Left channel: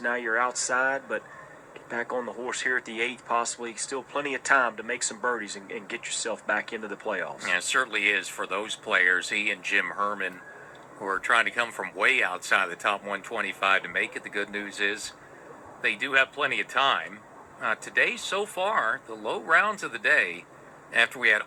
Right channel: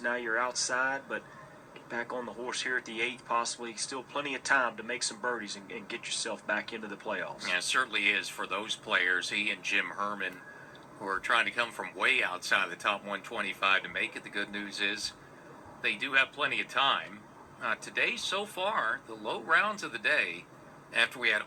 Now you're outside, but get back on the horse here at the 8th, possibly. Still plenty of time to make some birdies and get yourself back into the playoffs. Yeah, it certainly is for those players, he and Jim Herman, who are trying to come from way outside the top 125 to make it. The good news is they do have plenty of time. Today, so far, the low rounds of the day, after we had,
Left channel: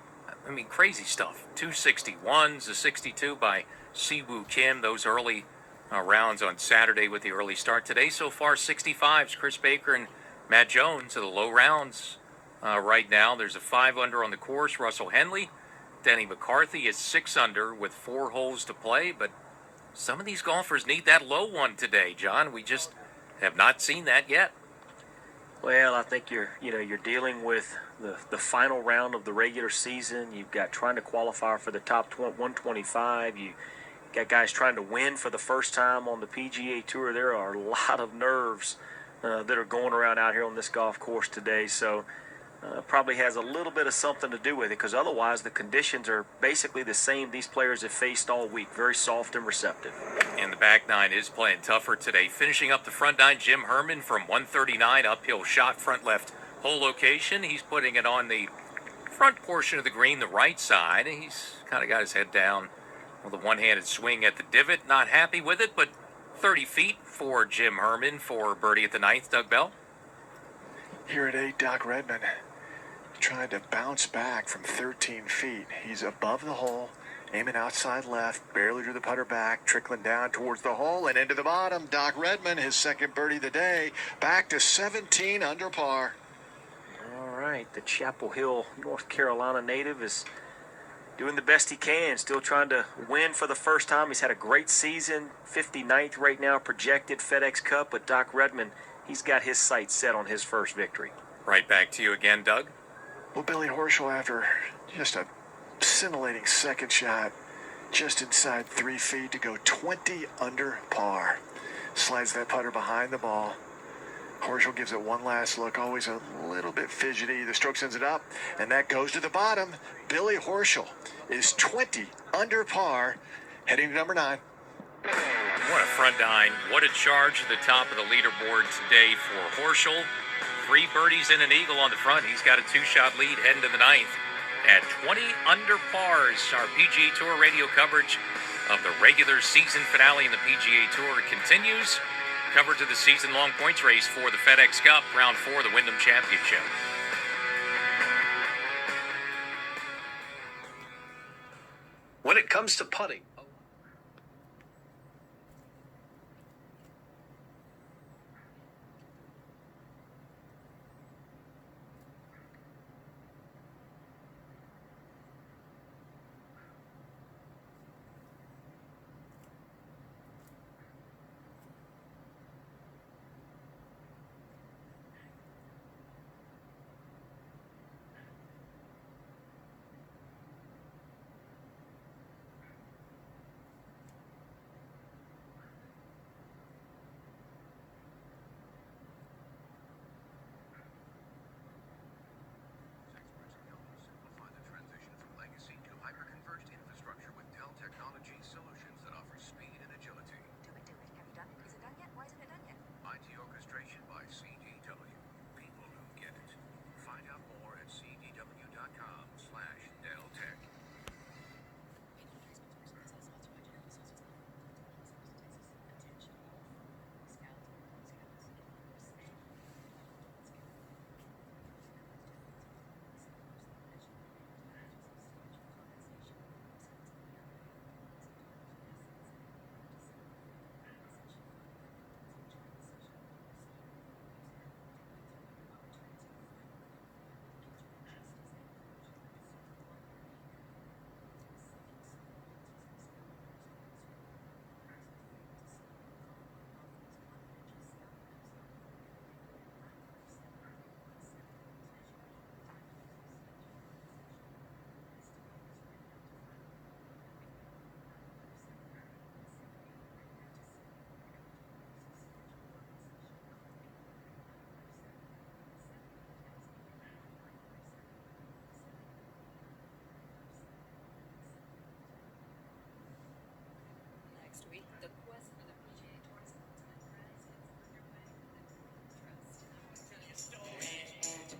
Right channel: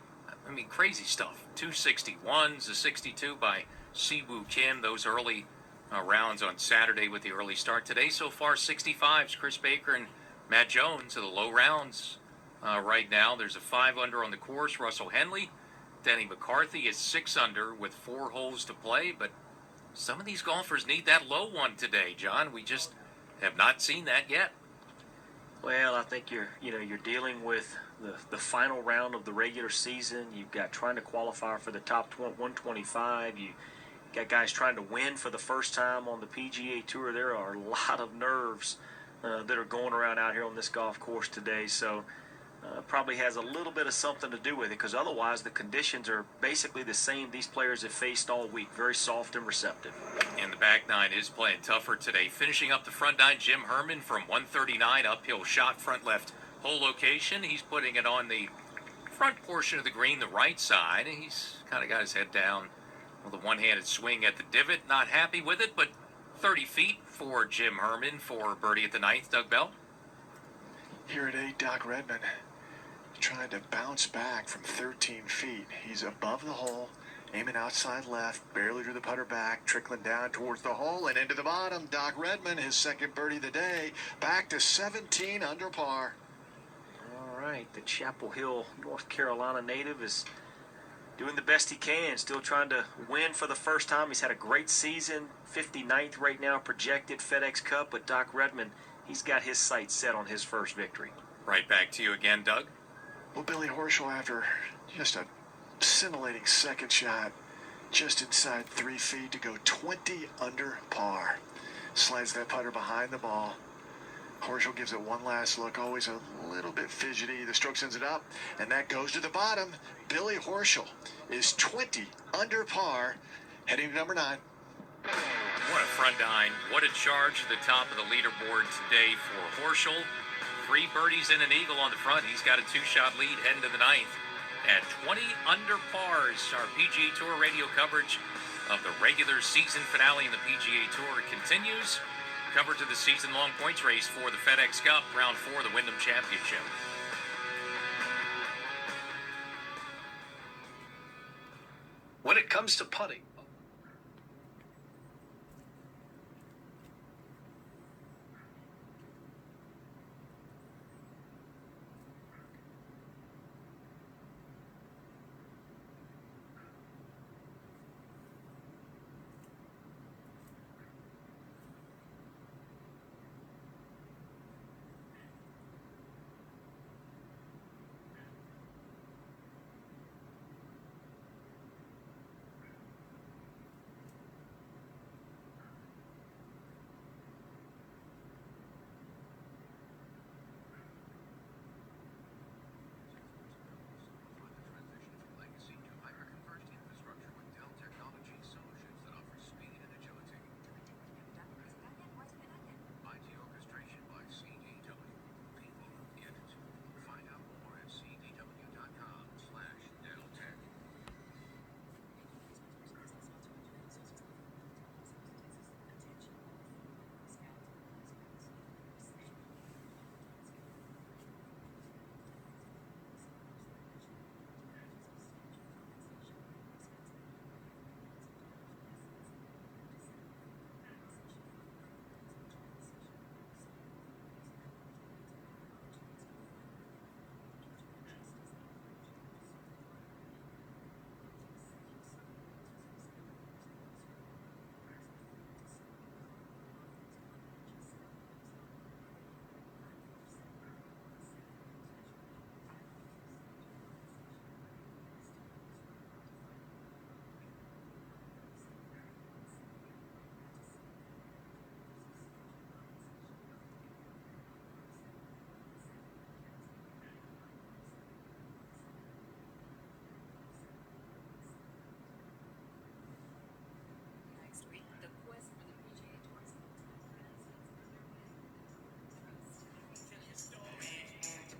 crazy stuff. 261s, a 62 by Siwoo Kim, those early rounds on Saturday with the early start. Today, so far, 65s. Chris Baker and Matt Jones are the low rounds right now. There's a 5 under on the course. Russell Henley, Denny McCarthy is 6 under with 4 holes to play, but some of these golfers need that low one today, John. We just have not seen that yet. Well, I think you're dealing with the final round of the regular season. You've got trying to qualify for the top 125. You got guys trying to win for the first time on the PGA Tour. There are a lot of nerves that are going around out here on this golf course today. So probably has a little bit of something to do with it, because otherwise the conditions are basically the same these players have faced all week. Very soft and receptive. And the back nine is playing tougher today. Finishing up the front nine, Jim Herman from 139, uphill shot, front left hole location. He's putting it on the front portion of the green, the right side. He's kind of got his head down with a one-handed swing at the divot. Not happy with it, but 30 feet for Jim Herman for birdie at the 9th. Doug Bell? Here at 8, Doc Redman trying to bounce back from 13 feet. He's above the hole, aiming outside left, barely drew the putter back, trickling down towards the hole and into the bottom. Doc Redman, his second birdie of the day, back to 17 under par. All right, the Chapel Hill, North Carolina native is doing the best he can, still trying to win for the first time. He's had a great season, 59th right now projected FedEx Cup, but Doc Redman, he's got his sights set on his first victory. Right back to you again, Doug. Well, Billy Horschel, after just a scintillating second shot, just inside 3 feet to go 20 under par. Slides that putter behind the ball. Horschel gives it one last look, always a little bit fidgety. The stroke sends it up, and that goes to the bottom. Billy Horschel is 20 under par, heading to number 9. What a front nine. What a charge to the top of the leaderboard today for Horschel. 3 birdies and an eagle on the front. He's got a 2-shot lead heading to the 9th at 20 under pars. Our PGA Tour radio coverage of the regular season finale in the PGA Tour continues. Coverage of the season-long points race for the FedEx Cup, round 4 of the Wyndham Championship. When it comes to putting,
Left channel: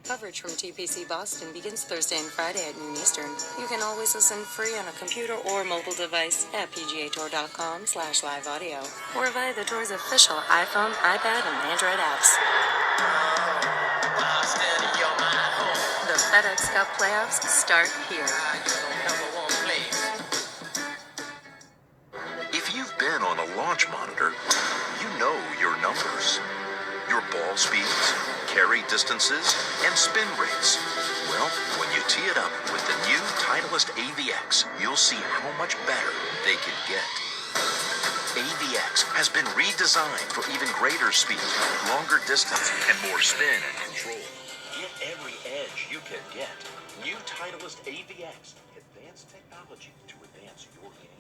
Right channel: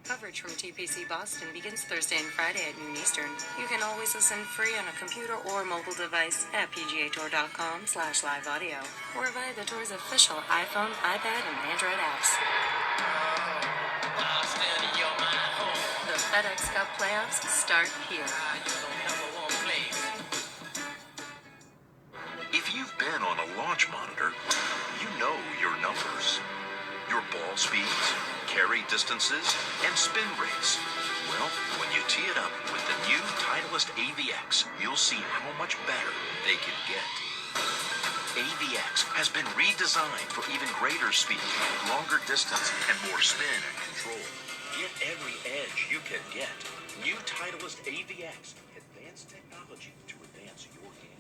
Coverage from TPC Boston begins Thursday and Friday at noon Eastern. You can always listen free on a computer or mobile device at pgatour.com/live audio or via the tour's official iPhone, iPad, and Android apps. The FedEx Cup playoffs start here. If you've been on a launch monitor, you know your numbers. Your ball speeds, carry distances, and spin rates. Well, when you tee it up with the new Titleist AVX, you'll see how much better they can get. AVX has been redesigned for even greater speed, longer distance, and more spin and control. Get every edge you can get. New Titleist AVX. Advanced technology to advance your game.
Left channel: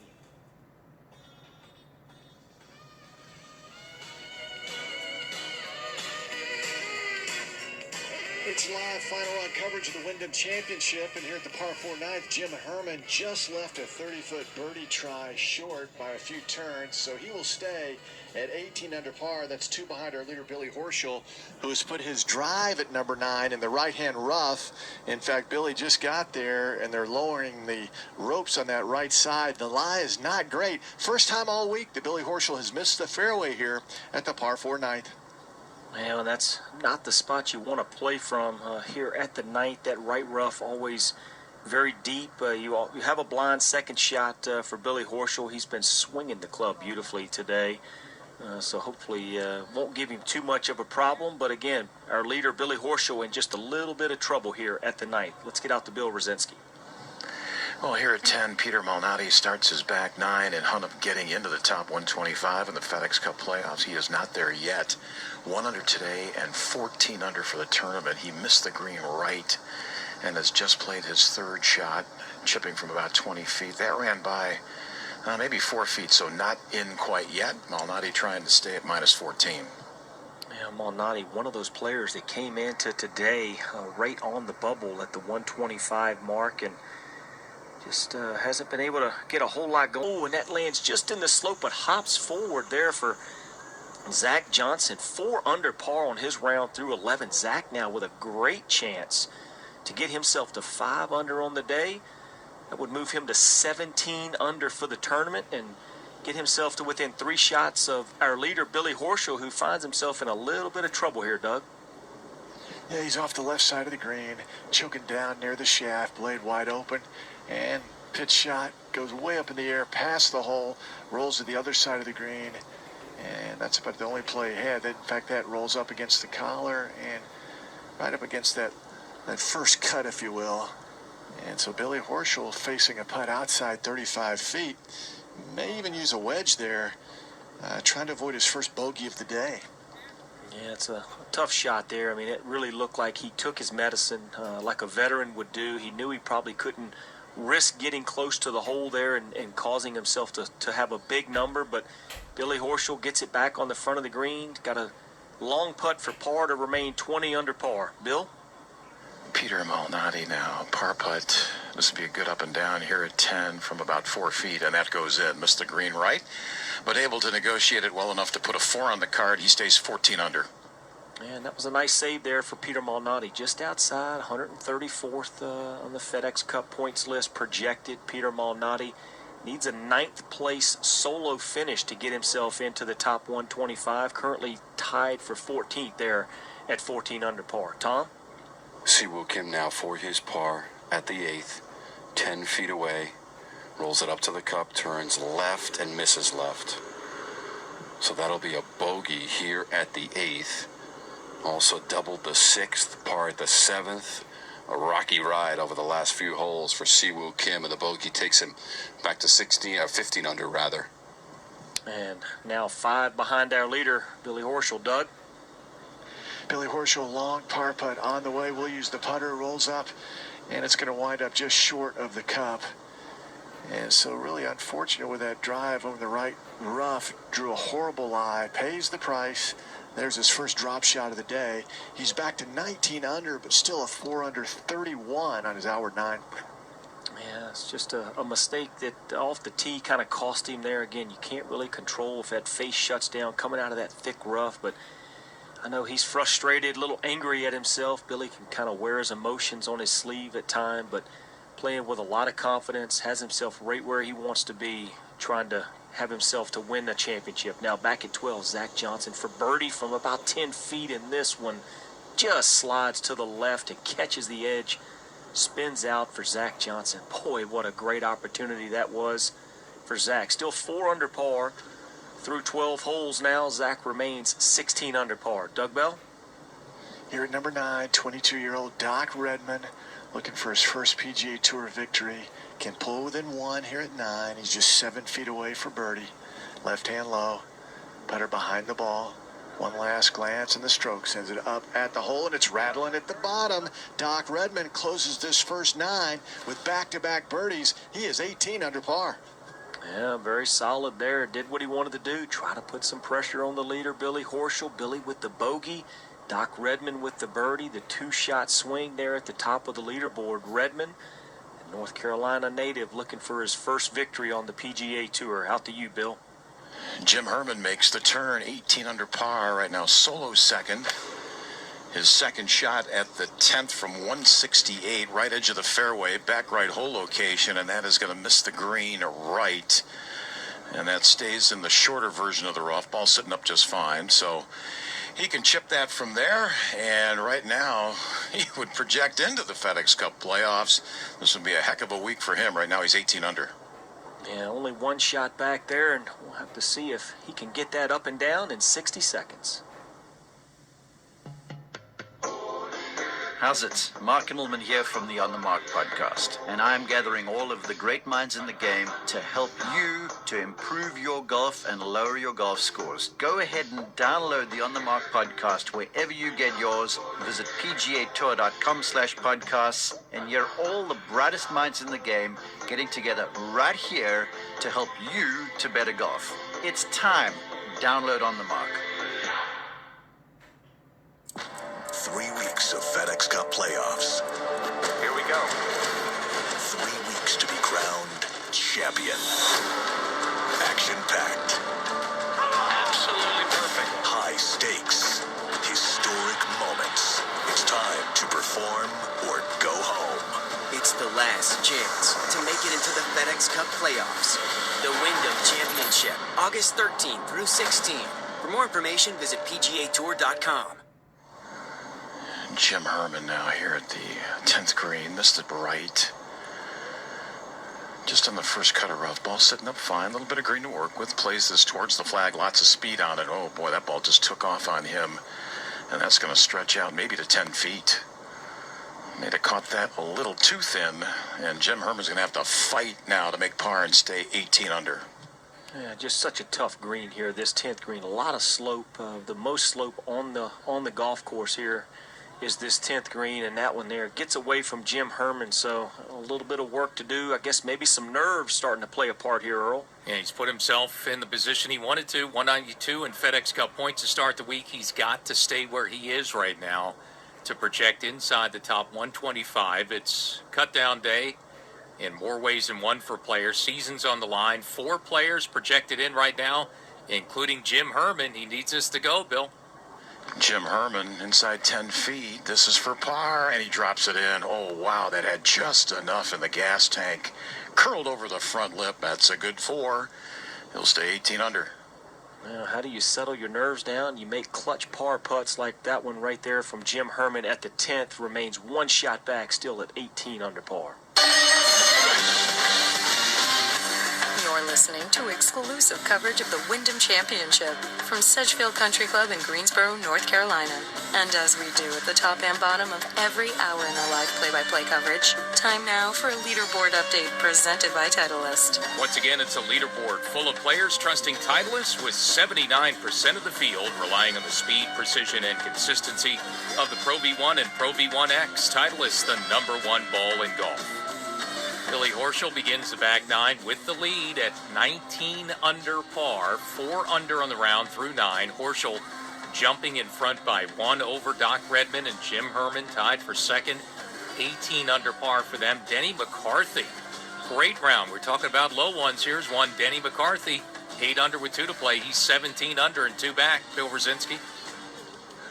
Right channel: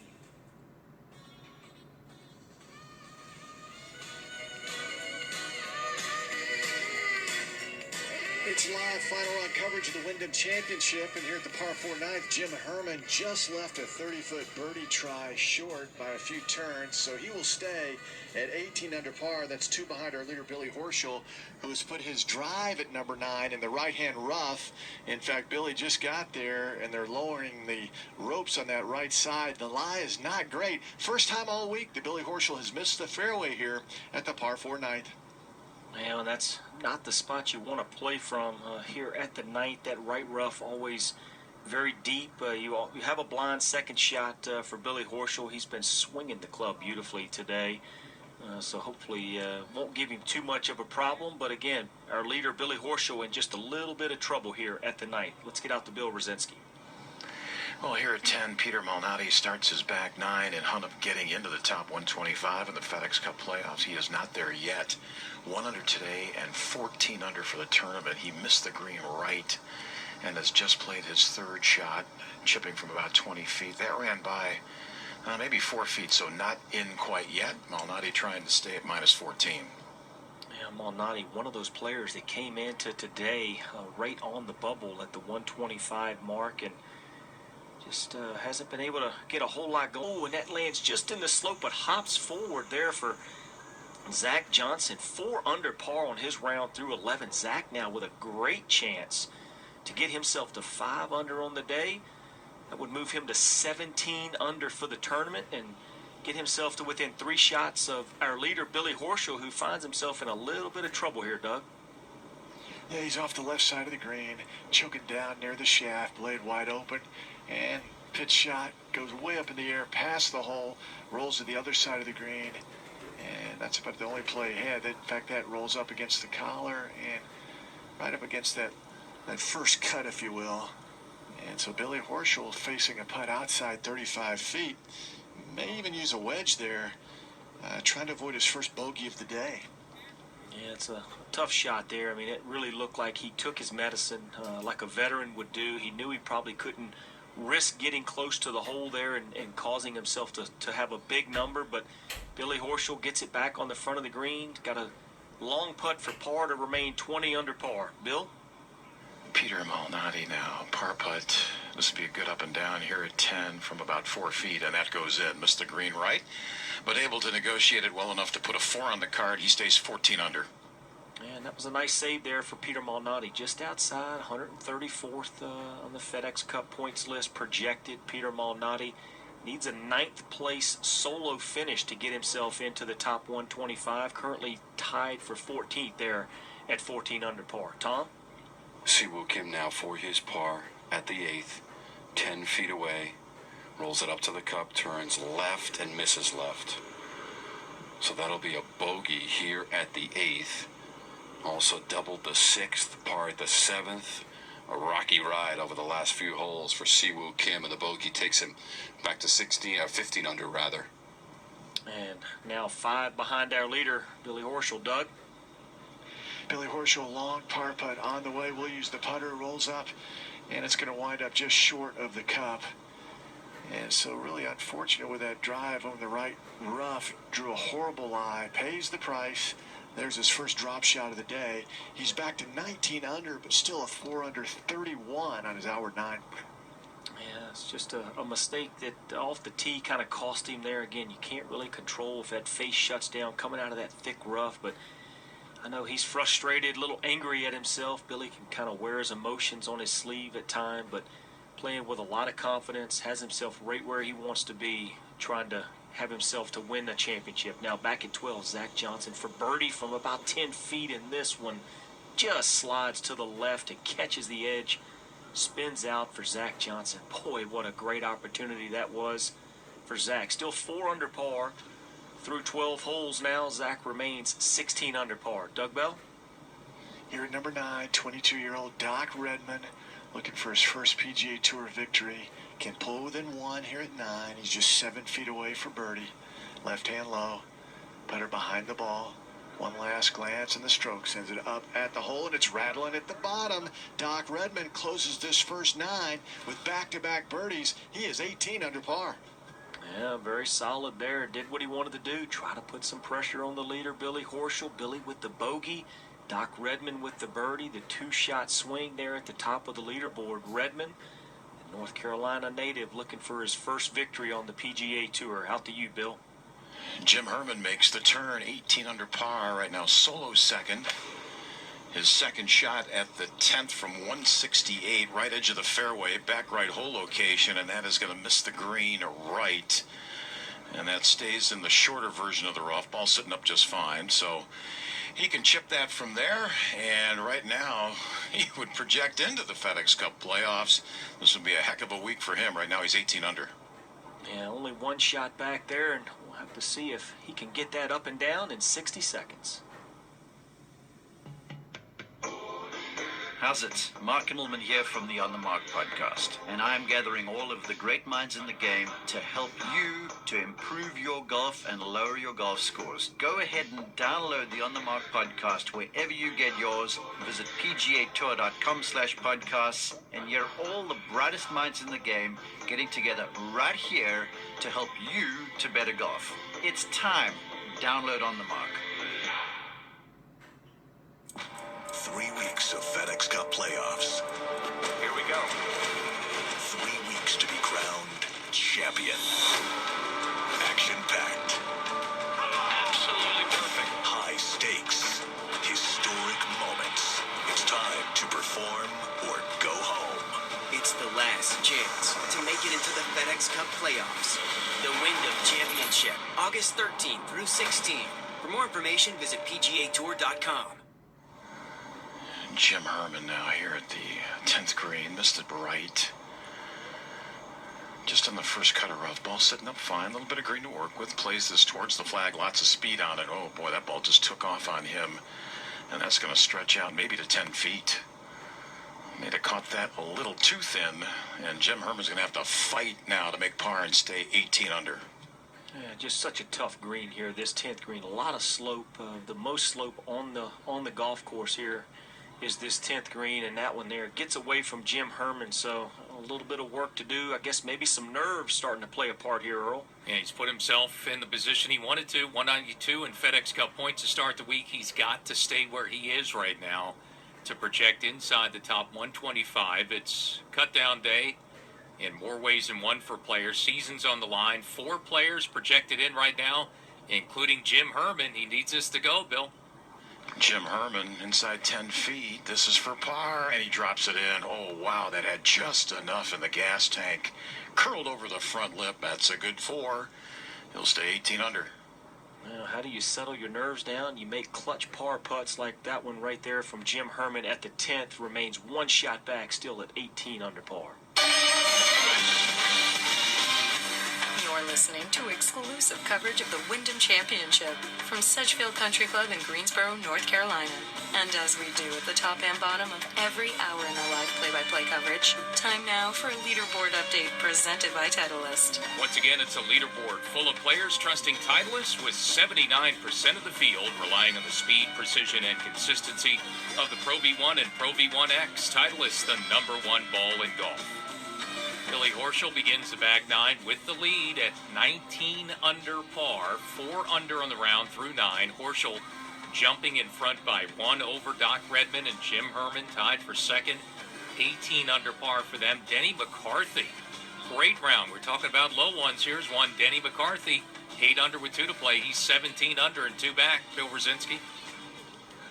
It's live final round coverage of the Wyndham Championship, and here at the par 4 ninth, Jim Herman just left a 30-foot birdie try short by a few turns, so he will stay at 18 under par. That's 2 behind our leader, Billy Horschel, who has put his drive at number 9 in the right-hand rough. In fact, Billy just got there, and they're lowering the ropes on that right side. The lie is not great. First time all week that Billy Horschel has missed the fairway here at the par 4 ninth. Well, that's not the spot you want to play from here at the ninth. That right rough always very deep. You have a blind second shot for Billy Horschel. He's been swinging the club beautifully today. So hopefully won't give him too much of a problem. But again, our leader, Billy Horschel, in just a little bit of trouble here at the ninth. Let's get out to Bill Rosinski. Well, here at 10, Peter Malnati starts his back 9 in hunt of getting into the top 125 in the FedEx Cup playoffs. He is not there yet. 1 under today and 14 under for the tournament. He missed the green right and has just played his third shot, chipping from about 20 feet. That ran by maybe 4 feet, so not in quite yet. Malnati trying to stay at minus 14. Yeah, Malnati, one of those players that came into today right on the bubble at the 125 mark, and just hasn't been able to get a whole lot going. Oh, and that lands just in the slope, but hops forward there for Zach Johnson. 4 under par on his round through 11. Zach now with a great chance to get himself to 5 under on the day. That would move him to 17 under for the tournament and get himself to within 3 shots of our leader, Billy Horschel, who finds himself in a little bit of trouble here, Doug. Yeah, he's off the left side of the green, choking down near the shaft, blade wide open, and pitch shot goes way up in the air, past the hole, rolls to the other side of the green, and that's about the only play he had. In fact, that rolls up against the collar and right up against that first cut, if you will. And so Billy Horschel facing a putt outside 35 feet, may even use a wedge there, trying to avoid his first bogey of the day. Yeah, it's a tough shot there. I mean, it really looked like he took his medicine like a veteran would do. He knew he probably couldn't risk getting close to the hole there and causing himself to have a big number, but Billy Horschel gets it back on the front of the green. Got a long putt for par to remain 20 under par. Bill? Peter Malnati now, par putt. This would be a good up and down here at 10 from about 4 feet, and that goes in. Missed the green right, but able to negotiate it well enough to put a 4 on the card. He stays 14 under. And that was a nice save there for Peter Malnati. Just outside, 134th on the FedEx Cup points list projected. Peter Malnati needs a 9th place solo finish to get himself into the top 125. Currently tied for 14th there at 14 under par. Tom? Siwoo Kim now for his par at the 8th, 10 feet away, rolls it up to the cup, turns left and misses left. So that'll be a bogey here at the 8th. Also doubled the 6th, par at the 7th. A rocky ride over the last few holes for Siwoo Kim, and the bogey takes him back to 15 under rather. And now 5 behind our leader, Billy Horschel. Doug? Billy Horschel, long par putt on the way. We'll use the putter, rolls up, and it's going to wind up just short of the cup. And so really unfortunate with that drive over the right rough. Drew a horrible lie, pays the price. There's his first drop shot of the day. He's back to 19 under, but still a 4 under 31 on his hour 9. Yeah, it's just a mistake that off the tee kind of cost him there. Again, you can't really control if that face shuts down coming out of that thick rough, but I know he's frustrated, a little angry at himself. Billy can kind of wear his emotions on his sleeve at times, but playing with a lot of confidence, has himself right where he wants to be, trying to have himself to win the championship. Now back at 12, Zach Johnson for birdie from about 10 feet in this one. Just slides to the left and catches the edge. Spins out for Zach Johnson. Boy, what a great opportunity that was for Zach. Still 4 under par. Through 12 holes now, Zach remains 16 under par. Doug Bell? Here at number 9, 22-year-old Doc Redman, looking for his first PGA Tour victory. Can pull within 1 here at 9. He's just 7 feet away for birdie. Left hand low. Putter behind the ball. One last glance, and the stroke sends it up at the hole, and it's rattling at the bottom. Doc Redman closes this first 9 with back-to-back birdies. He is 18 under par. Yeah, very solid there. Did what he wanted to do. Try to put some pressure on the leader, Billy Horschel. Billy with the bogey. Doc Redman with the birdie. The 2-shot swing there at the top of the leaderboard. Redman, the North Carolina native, looking for his first victory on the PGA Tour. Out to you, Bill. Jim Herman makes the turn, 18 under par right now, solo second. His second shot at the 10th from 168, right edge of the fairway, back right hole location, and that is going to miss the green right. And that stays in the shorter version of the rough. Ball sitting up just fine, so he can chip that from there. And right now, he would project into the FedEx Cup playoffs. This would be a heck of a week for him. Right now, he's 18 under. Yeah, only 1 shot back there, and we'll have to see if he can get that up and down in 60 seconds. How's it? Mark Immelman here from the On the Mark podcast, and I'm gathering all of the great minds in the game to help you to improve your golf and lower your golf scores. Go ahead and download the On the Mark podcast wherever you get yours. Visit pgatour.com/podcasts and hear all the brightest minds in the game getting together right here to help you to better golf. It's time. Download On the Mark. 3 weeks of FedEx Cup playoffs. Here we go. 3 weeks to be crowned champion. Action-packed. Absolutely perfect. High stakes. Historic moments. It's time to perform or go home. It's the last chance to make it into the FedEx Cup playoffs. The Wyndham Championship, August 13th through 16th. For more information, visit PGAtour.com. Jim Herman now here at the 10th green. Missed it right. Just on the first cut of rough. Ball sitting up fine. A little bit of green to work with. Plays this towards the flag. Lots of speed on it. Oh, boy, that ball just took off on him. And that's going to stretch out maybe to 10 feet. May have caught that a little too thin. And Jim Herman's going to have to fight now to make par and stay 18 under. Yeah, just such a tough green here, this 10th green. A lot of slope. The most slope on the golf course here is this 10th green, and that one there gets away from Jim Herman, so a little bit of work to do. I guess maybe some nerves starting to play a part here, Earl. Yeah, he's put himself in the position he wanted to. 192 in FedEx Cup points to start the week. He's got to stay where he is right now to project inside the top 125. It's cut down day in more ways than one for players. Season's on the line. 4 players projected in right now, including Jim Herman. He needs us to go, Bill. Jim Herman inside 10 feet. This is for par, and he drops it in. Oh, wow, that had just enough in the gas tank. Curled over the front lip. That's a good 4. He'll stay 18 under. How do you settle your nerves down? You make clutch par putts like that one right there from Jim Herman at the 10th. Remains 1 shot back, still at 18 under par. You're listening to exclusive coverage of the Wyndham Championship from Sedgefield Country Club in Greensboro, North Carolina. And as we do at the top and bottom of every hour in our live play-by-play coverage, time now for a leaderboard update presented by Titleist. Once again, it's a leaderboard full of players trusting Titleist, with 79% of the field relying on the speed, precision, and consistency of the Pro V1 and Pro V1X. Titleist, the #1 ball in golf. Billy Horschel begins the back 9 with the lead at 19 under par, 4 under on the round through 9. Horschel jumping in front by 1 over Doc Redman and Jim Herman, tied for second, 18 under par for them. Denny McCarthy, great round. We're talking about low ones. Here's one, Denny McCarthy, 8 under with 2 to play. He's 17 under and 2 back. Bill Rosinski.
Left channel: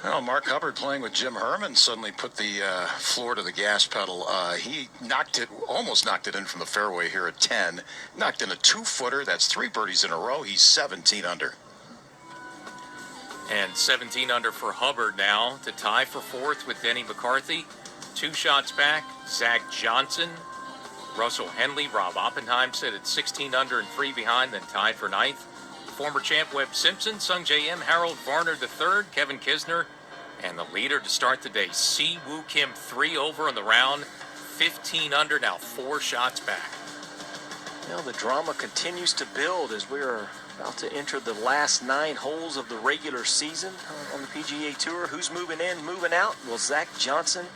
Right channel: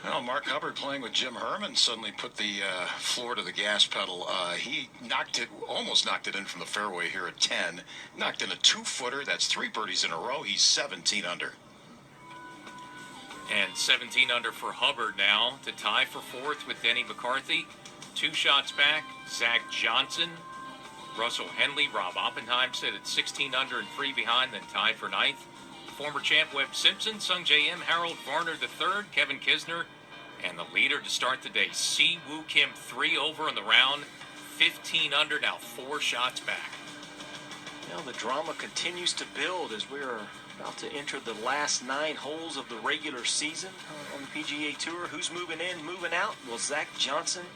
Well, Mark Hubbard playing with Jim Herman suddenly put the floor to the gas pedal. He almost knocked it in from the fairway here at 10. Knocked in a 2-footer. That's 3 birdies in a row. He's 17 under. And 17 under for Hubbard now to tie for 4th with Denny McCarthy. 2 shots back, Zach Johnson, Russell Henley, Rob Oppenheim sit at 16 under and 3 behind, then tied for 9th. Former champ Webb Simpson, Sung J M, Harold Varner III, Kevin Kisner, and the leader to start the day, Si Woo Kim, 3 over on the round, 15 under, now 4 shots back. Well, the drama continues to build as we are about to enter the last 9 holes of the regular season on the PGA Tour. Who's moving in, moving out? Well, Zach Johnson,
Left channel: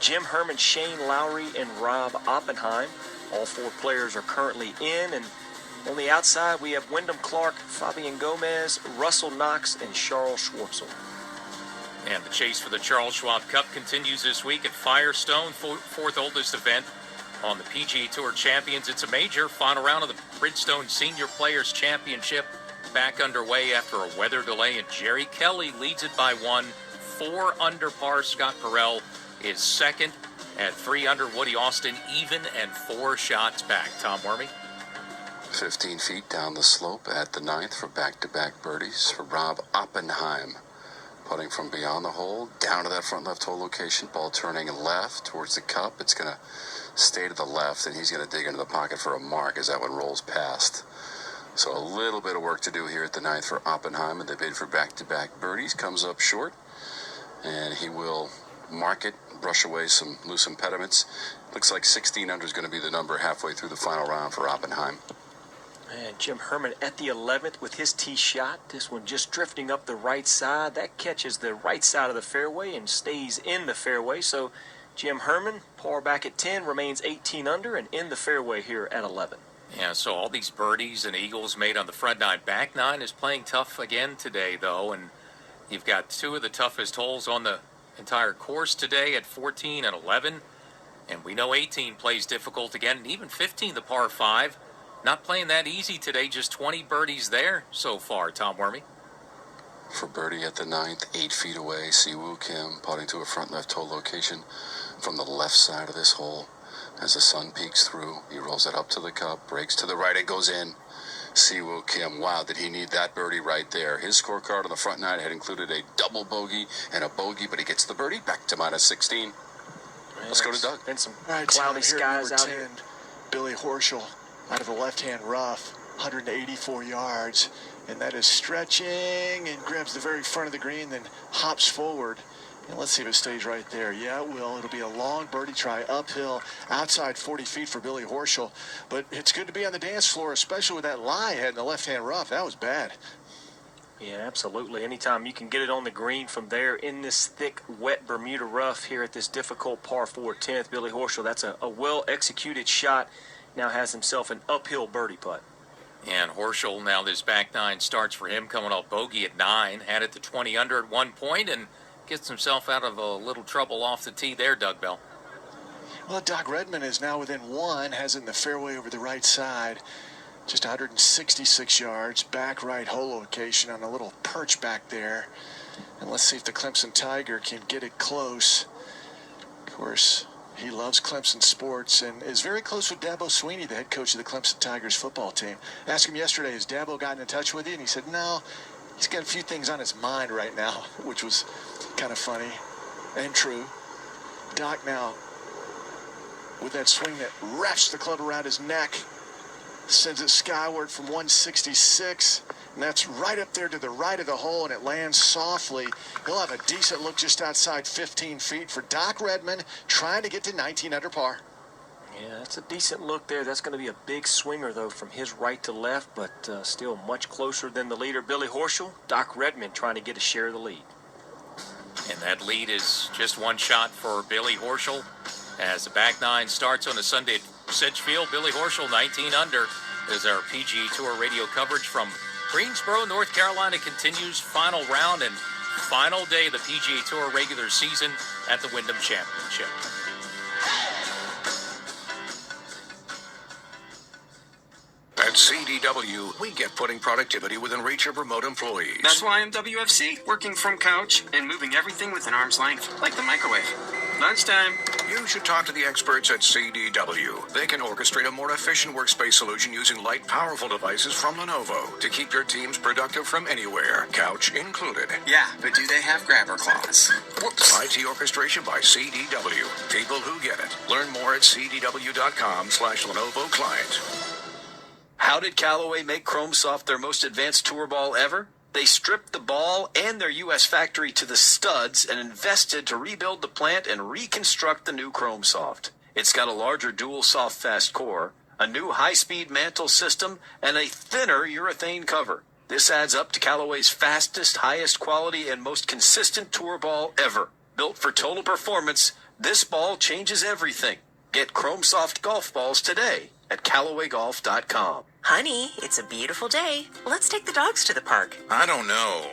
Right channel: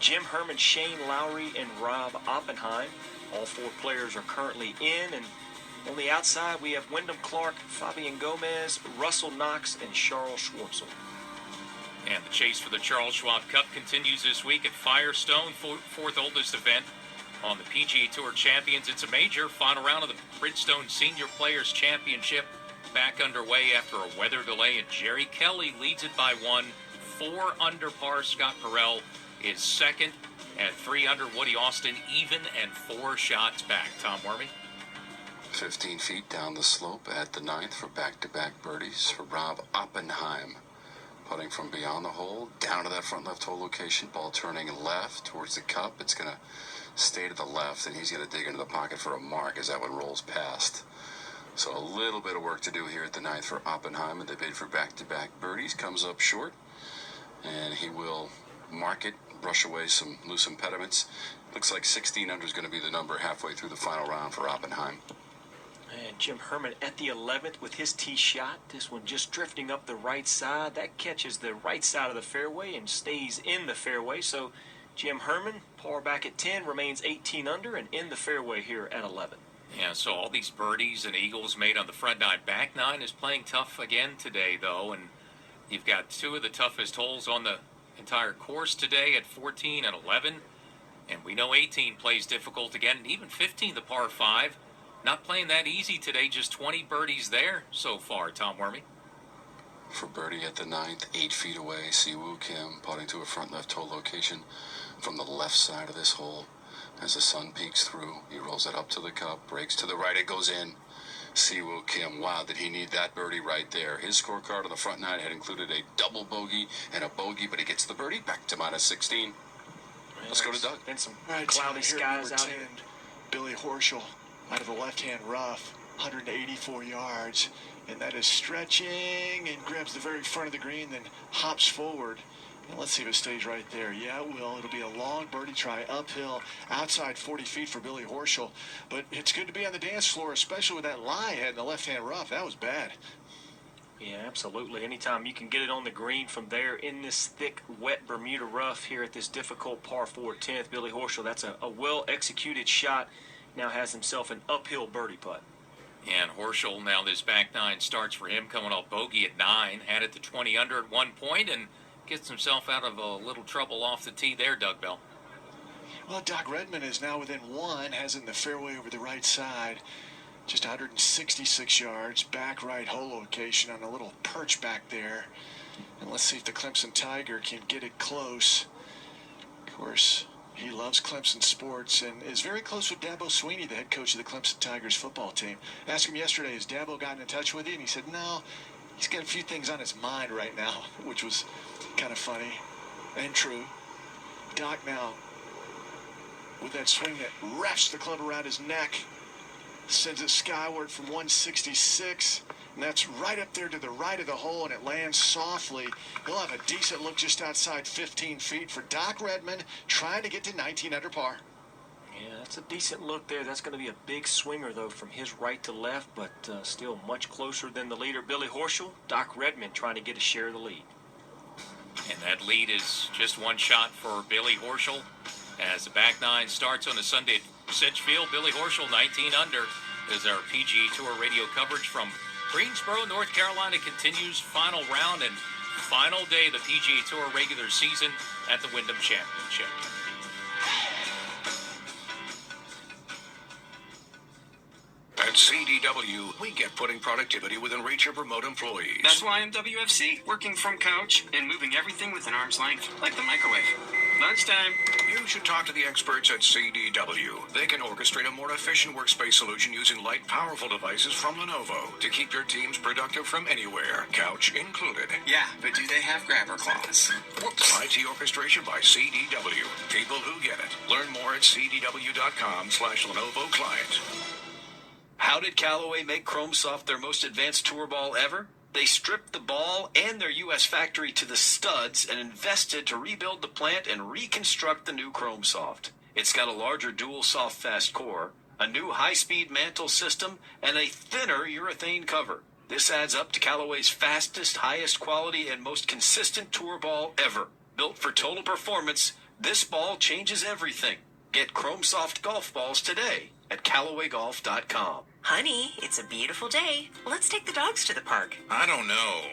Jim Herman, Shane Lowry, and Rob Oppenheim. All 4 players are currently in, and on the outside we have Wyndham Clark, Fabian Gomez, Russell Knox, and Charles Schwartzel. And the chase for the Charles Schwab Cup continues this week at Firestone, 4th oldest event on the PGA Tour Champions. It's a major. Final round of the Bridgestone Senior Players Championship back underway after a weather delay, and Jerry Kelly leads it by 1, 4 under par. Scott Perel is second at 3 under. Woody Austin even and 4 shots back. Tom Wormy. 15 feet down the slope at the 9th for back-to-back birdies for Rob Oppenheim. Putting from beyond the hole, down to that front left hole location. Ball turning left towards the cup. It's going to stay to the left, and he's going to dig into the pocket for a mark as that one rolls past. So a little bit of work to do here at the 9th for Oppenheim, and the bid for back-to-back birdies comes up short. And he will mark it, brush away some loose impediments. Looks like 16 under is going to be the number halfway through the final round for Oppenheim. And Jim Herman at the 11th with his tee shot. This one just drifting up the right side. That catches the right side of the fairway and stays in the fairway. So Jim Herman, par back at 10, remains 18 under and in the fairway here at 11. Yeah, so all these birdies and eagles made on the front 9. Back 9 is playing tough again today, though, and you've got 2 of the toughest holes on the entire course today at 14 and 11. And we know 18 plays difficult again, and even 15, the par 5. Not playing that easy today, just 20 birdies there so far, Tom Wormy. For birdie at the 9th, 8 feet away, Si Woo Kim putting to a front left hole location from the left side of this hole. As the sun peeks through, he rolls it up to the cup, breaks to the right, and goes in. Si Woo Kim, wow, did he need that birdie right there. His scorecard on the front 9 had included a double bogey and a bogey, but he gets the birdie back to minus 16. Let's go to Doug. Been some All right, cloudy Tim, skies here, out number here. 10, Billy Horschel out of the left-hand rough, 184 yards, and that is stretching and grabs the very front of the green, then hops forward. And let's see if it stays right there. Yeah, it will. It'll be a long birdie try uphill, outside 40 feet for Billy Horschel. But it's good to be on the dance floor, especially with that lie head in the left-hand rough. That was bad. Yeah, absolutely. Anytime you can get it on the green from there in this thick, wet Bermuda rough here at this difficult par 4 10th, Billy Horschel, that's a well-executed shot. Now has himself an uphill birdie putt. And Horschel, now this back 9 starts for him, coming off bogey at 9, had it to 20 under at one point, and gets himself out of a little trouble off the tee there, Doug Bell. Well, Doc Redman is now within 1, has it in the fairway over the right side. Just 166 yards, back right hole location on a little perch back there. And let's see if the Clemson Tiger can get it close. Of course, he loves Clemson sports and is very close with Dabo Swinney, the head coach of the Clemson Tigers football team. I asked him yesterday, has Dabo gotten in touch with you? And he said, no, he's got a few things on his mind right now, which was kind of funny and true. Doc now, with that swing that wraps the club around his neck, sends it skyward from 166, and that's right up there to the right of the hole, and it lands softly. He'll have a decent look just outside 15 feet for Doc Redman, trying to get to 19 under par. Yeah, that's a decent look there. That's going to be a big swinger, though, from his right to left, but still much closer than the leader, Billy Horschel. Doc Redman trying to get a share of the lead. And that lead is just one shot for Billy Horschel. As the back 9 starts on the Sunday at Sedgefield, Billy Horschel, 19 under, as our PGA Tour radio coverage from Greensboro, North Carolina continues. Final round and final day of the PGA Tour regular season at the Wyndham Championship. And At CDW, we get putting productivity within reach of remote employees. That's why I'm WFC, working from couch and moving everything within arm's length, like the microwave. Lunchtime. You should talk to the experts at CDW. They can orchestrate a more efficient workspace solution using light, powerful devices from Lenovo to keep your teams productive from anywhere, couch included. Yeah, but do they have grabber claws? Whoops. IT orchestration by CDW. People who get it. Learn more at cdw.com/Lenovo client. How did Callaway make ChromeSoft their most advanced tour ball ever? They stripped the ball and their U.S. factory to the studs and invested to rebuild the plant and reconstruct the new ChromeSoft. It's got a larger dual soft fast core, a new high-speed mantle system, and a thinner urethane cover. This adds up to Callaway's fastest, highest quality, and most consistent tour ball ever. Built for total performance, this ball changes everything. Get ChromeSoft golf balls today at CallawayGolf.com. Honey, it's a beautiful day. Let's take the dogs to the park. I don't know.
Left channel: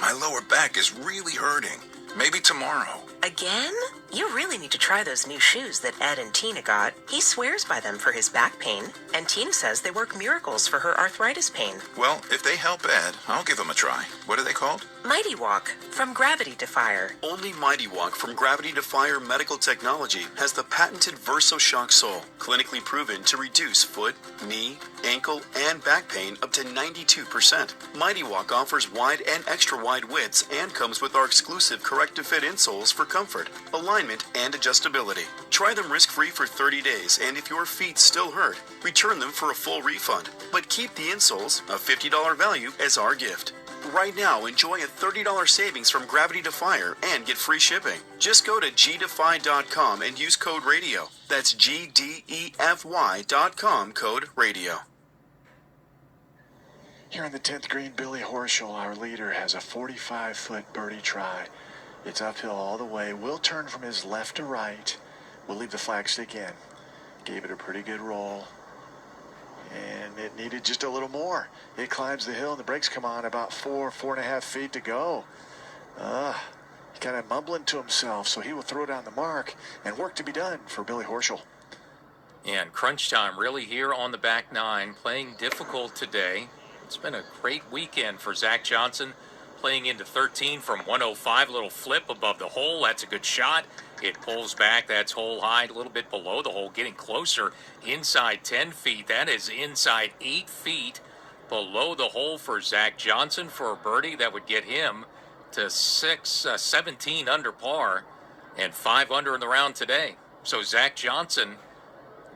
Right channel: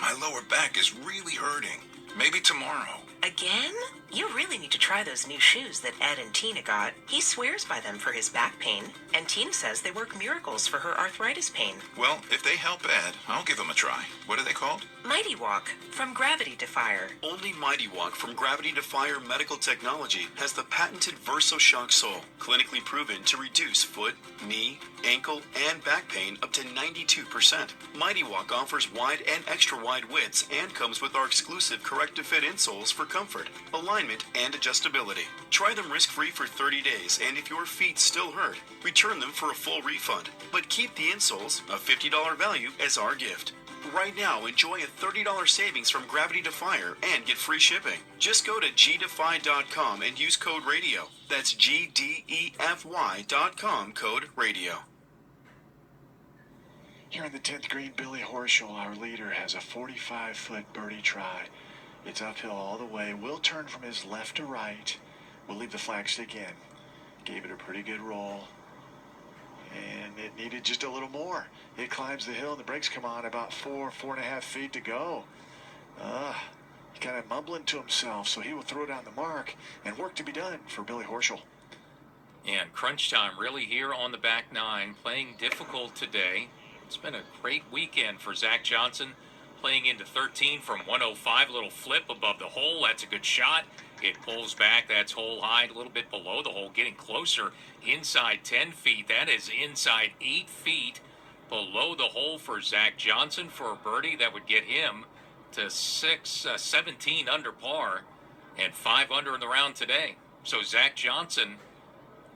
My lower back is really hurting. Maybe tomorrow. Again? You really need to try those new shoes that Ed and Tina got. He swears by them for his back pain, and Tina says they work miracles for her arthritis pain. Well, if they help Ed, I'll give them a try. What are they called? Mighty Walk from Gravity Defier. Only Mighty Walk from Gravity Defier Medical Technology has the patented VersoShock sole, clinically proven to reduce foot, knee, ankle, and back pain up to 92%. Mighty Walk offers wide and extra wide widths and comes with our exclusive corrective fit insoles for comfort, alignment, and adjustability. Try them risk-free for 30 days, and if your feet still hurt, return them for a full refund. But keep the insoles, a $50 value, as our gift. Right now, enjoy a $30 savings from Gravity Defier and get free shipping. Just go to gdefy.com and use code RADIO. That's GDEFY.com, code RADIO. Here on the 10th green, Billy Horschel, our leader, has a 45-foot birdie try. It's uphill all the way. Will turn from his left to right. We'll leave the flagstick in. Gave it a pretty good roll. And it needed just a little more. It climbs the hill and the brakes come on about 4.5 feet to go. He kind of mumbling to himself, so he will throw down the mark and work to be done for Billy Horschel. And crunch time really here on the back nine, playing difficult today. It's been a great weekend for Zach Johnson, playing into 13 from 105, a little flip above the hole. That's a good shot. It pulls back. That's hole high, a little bit below the hole, getting closer inside 10 feet. That is inside 8 feet below the hole for Zach Johnson for a birdie. That would get him to 17 under par and 5 under in the round today. So Zach Johnson,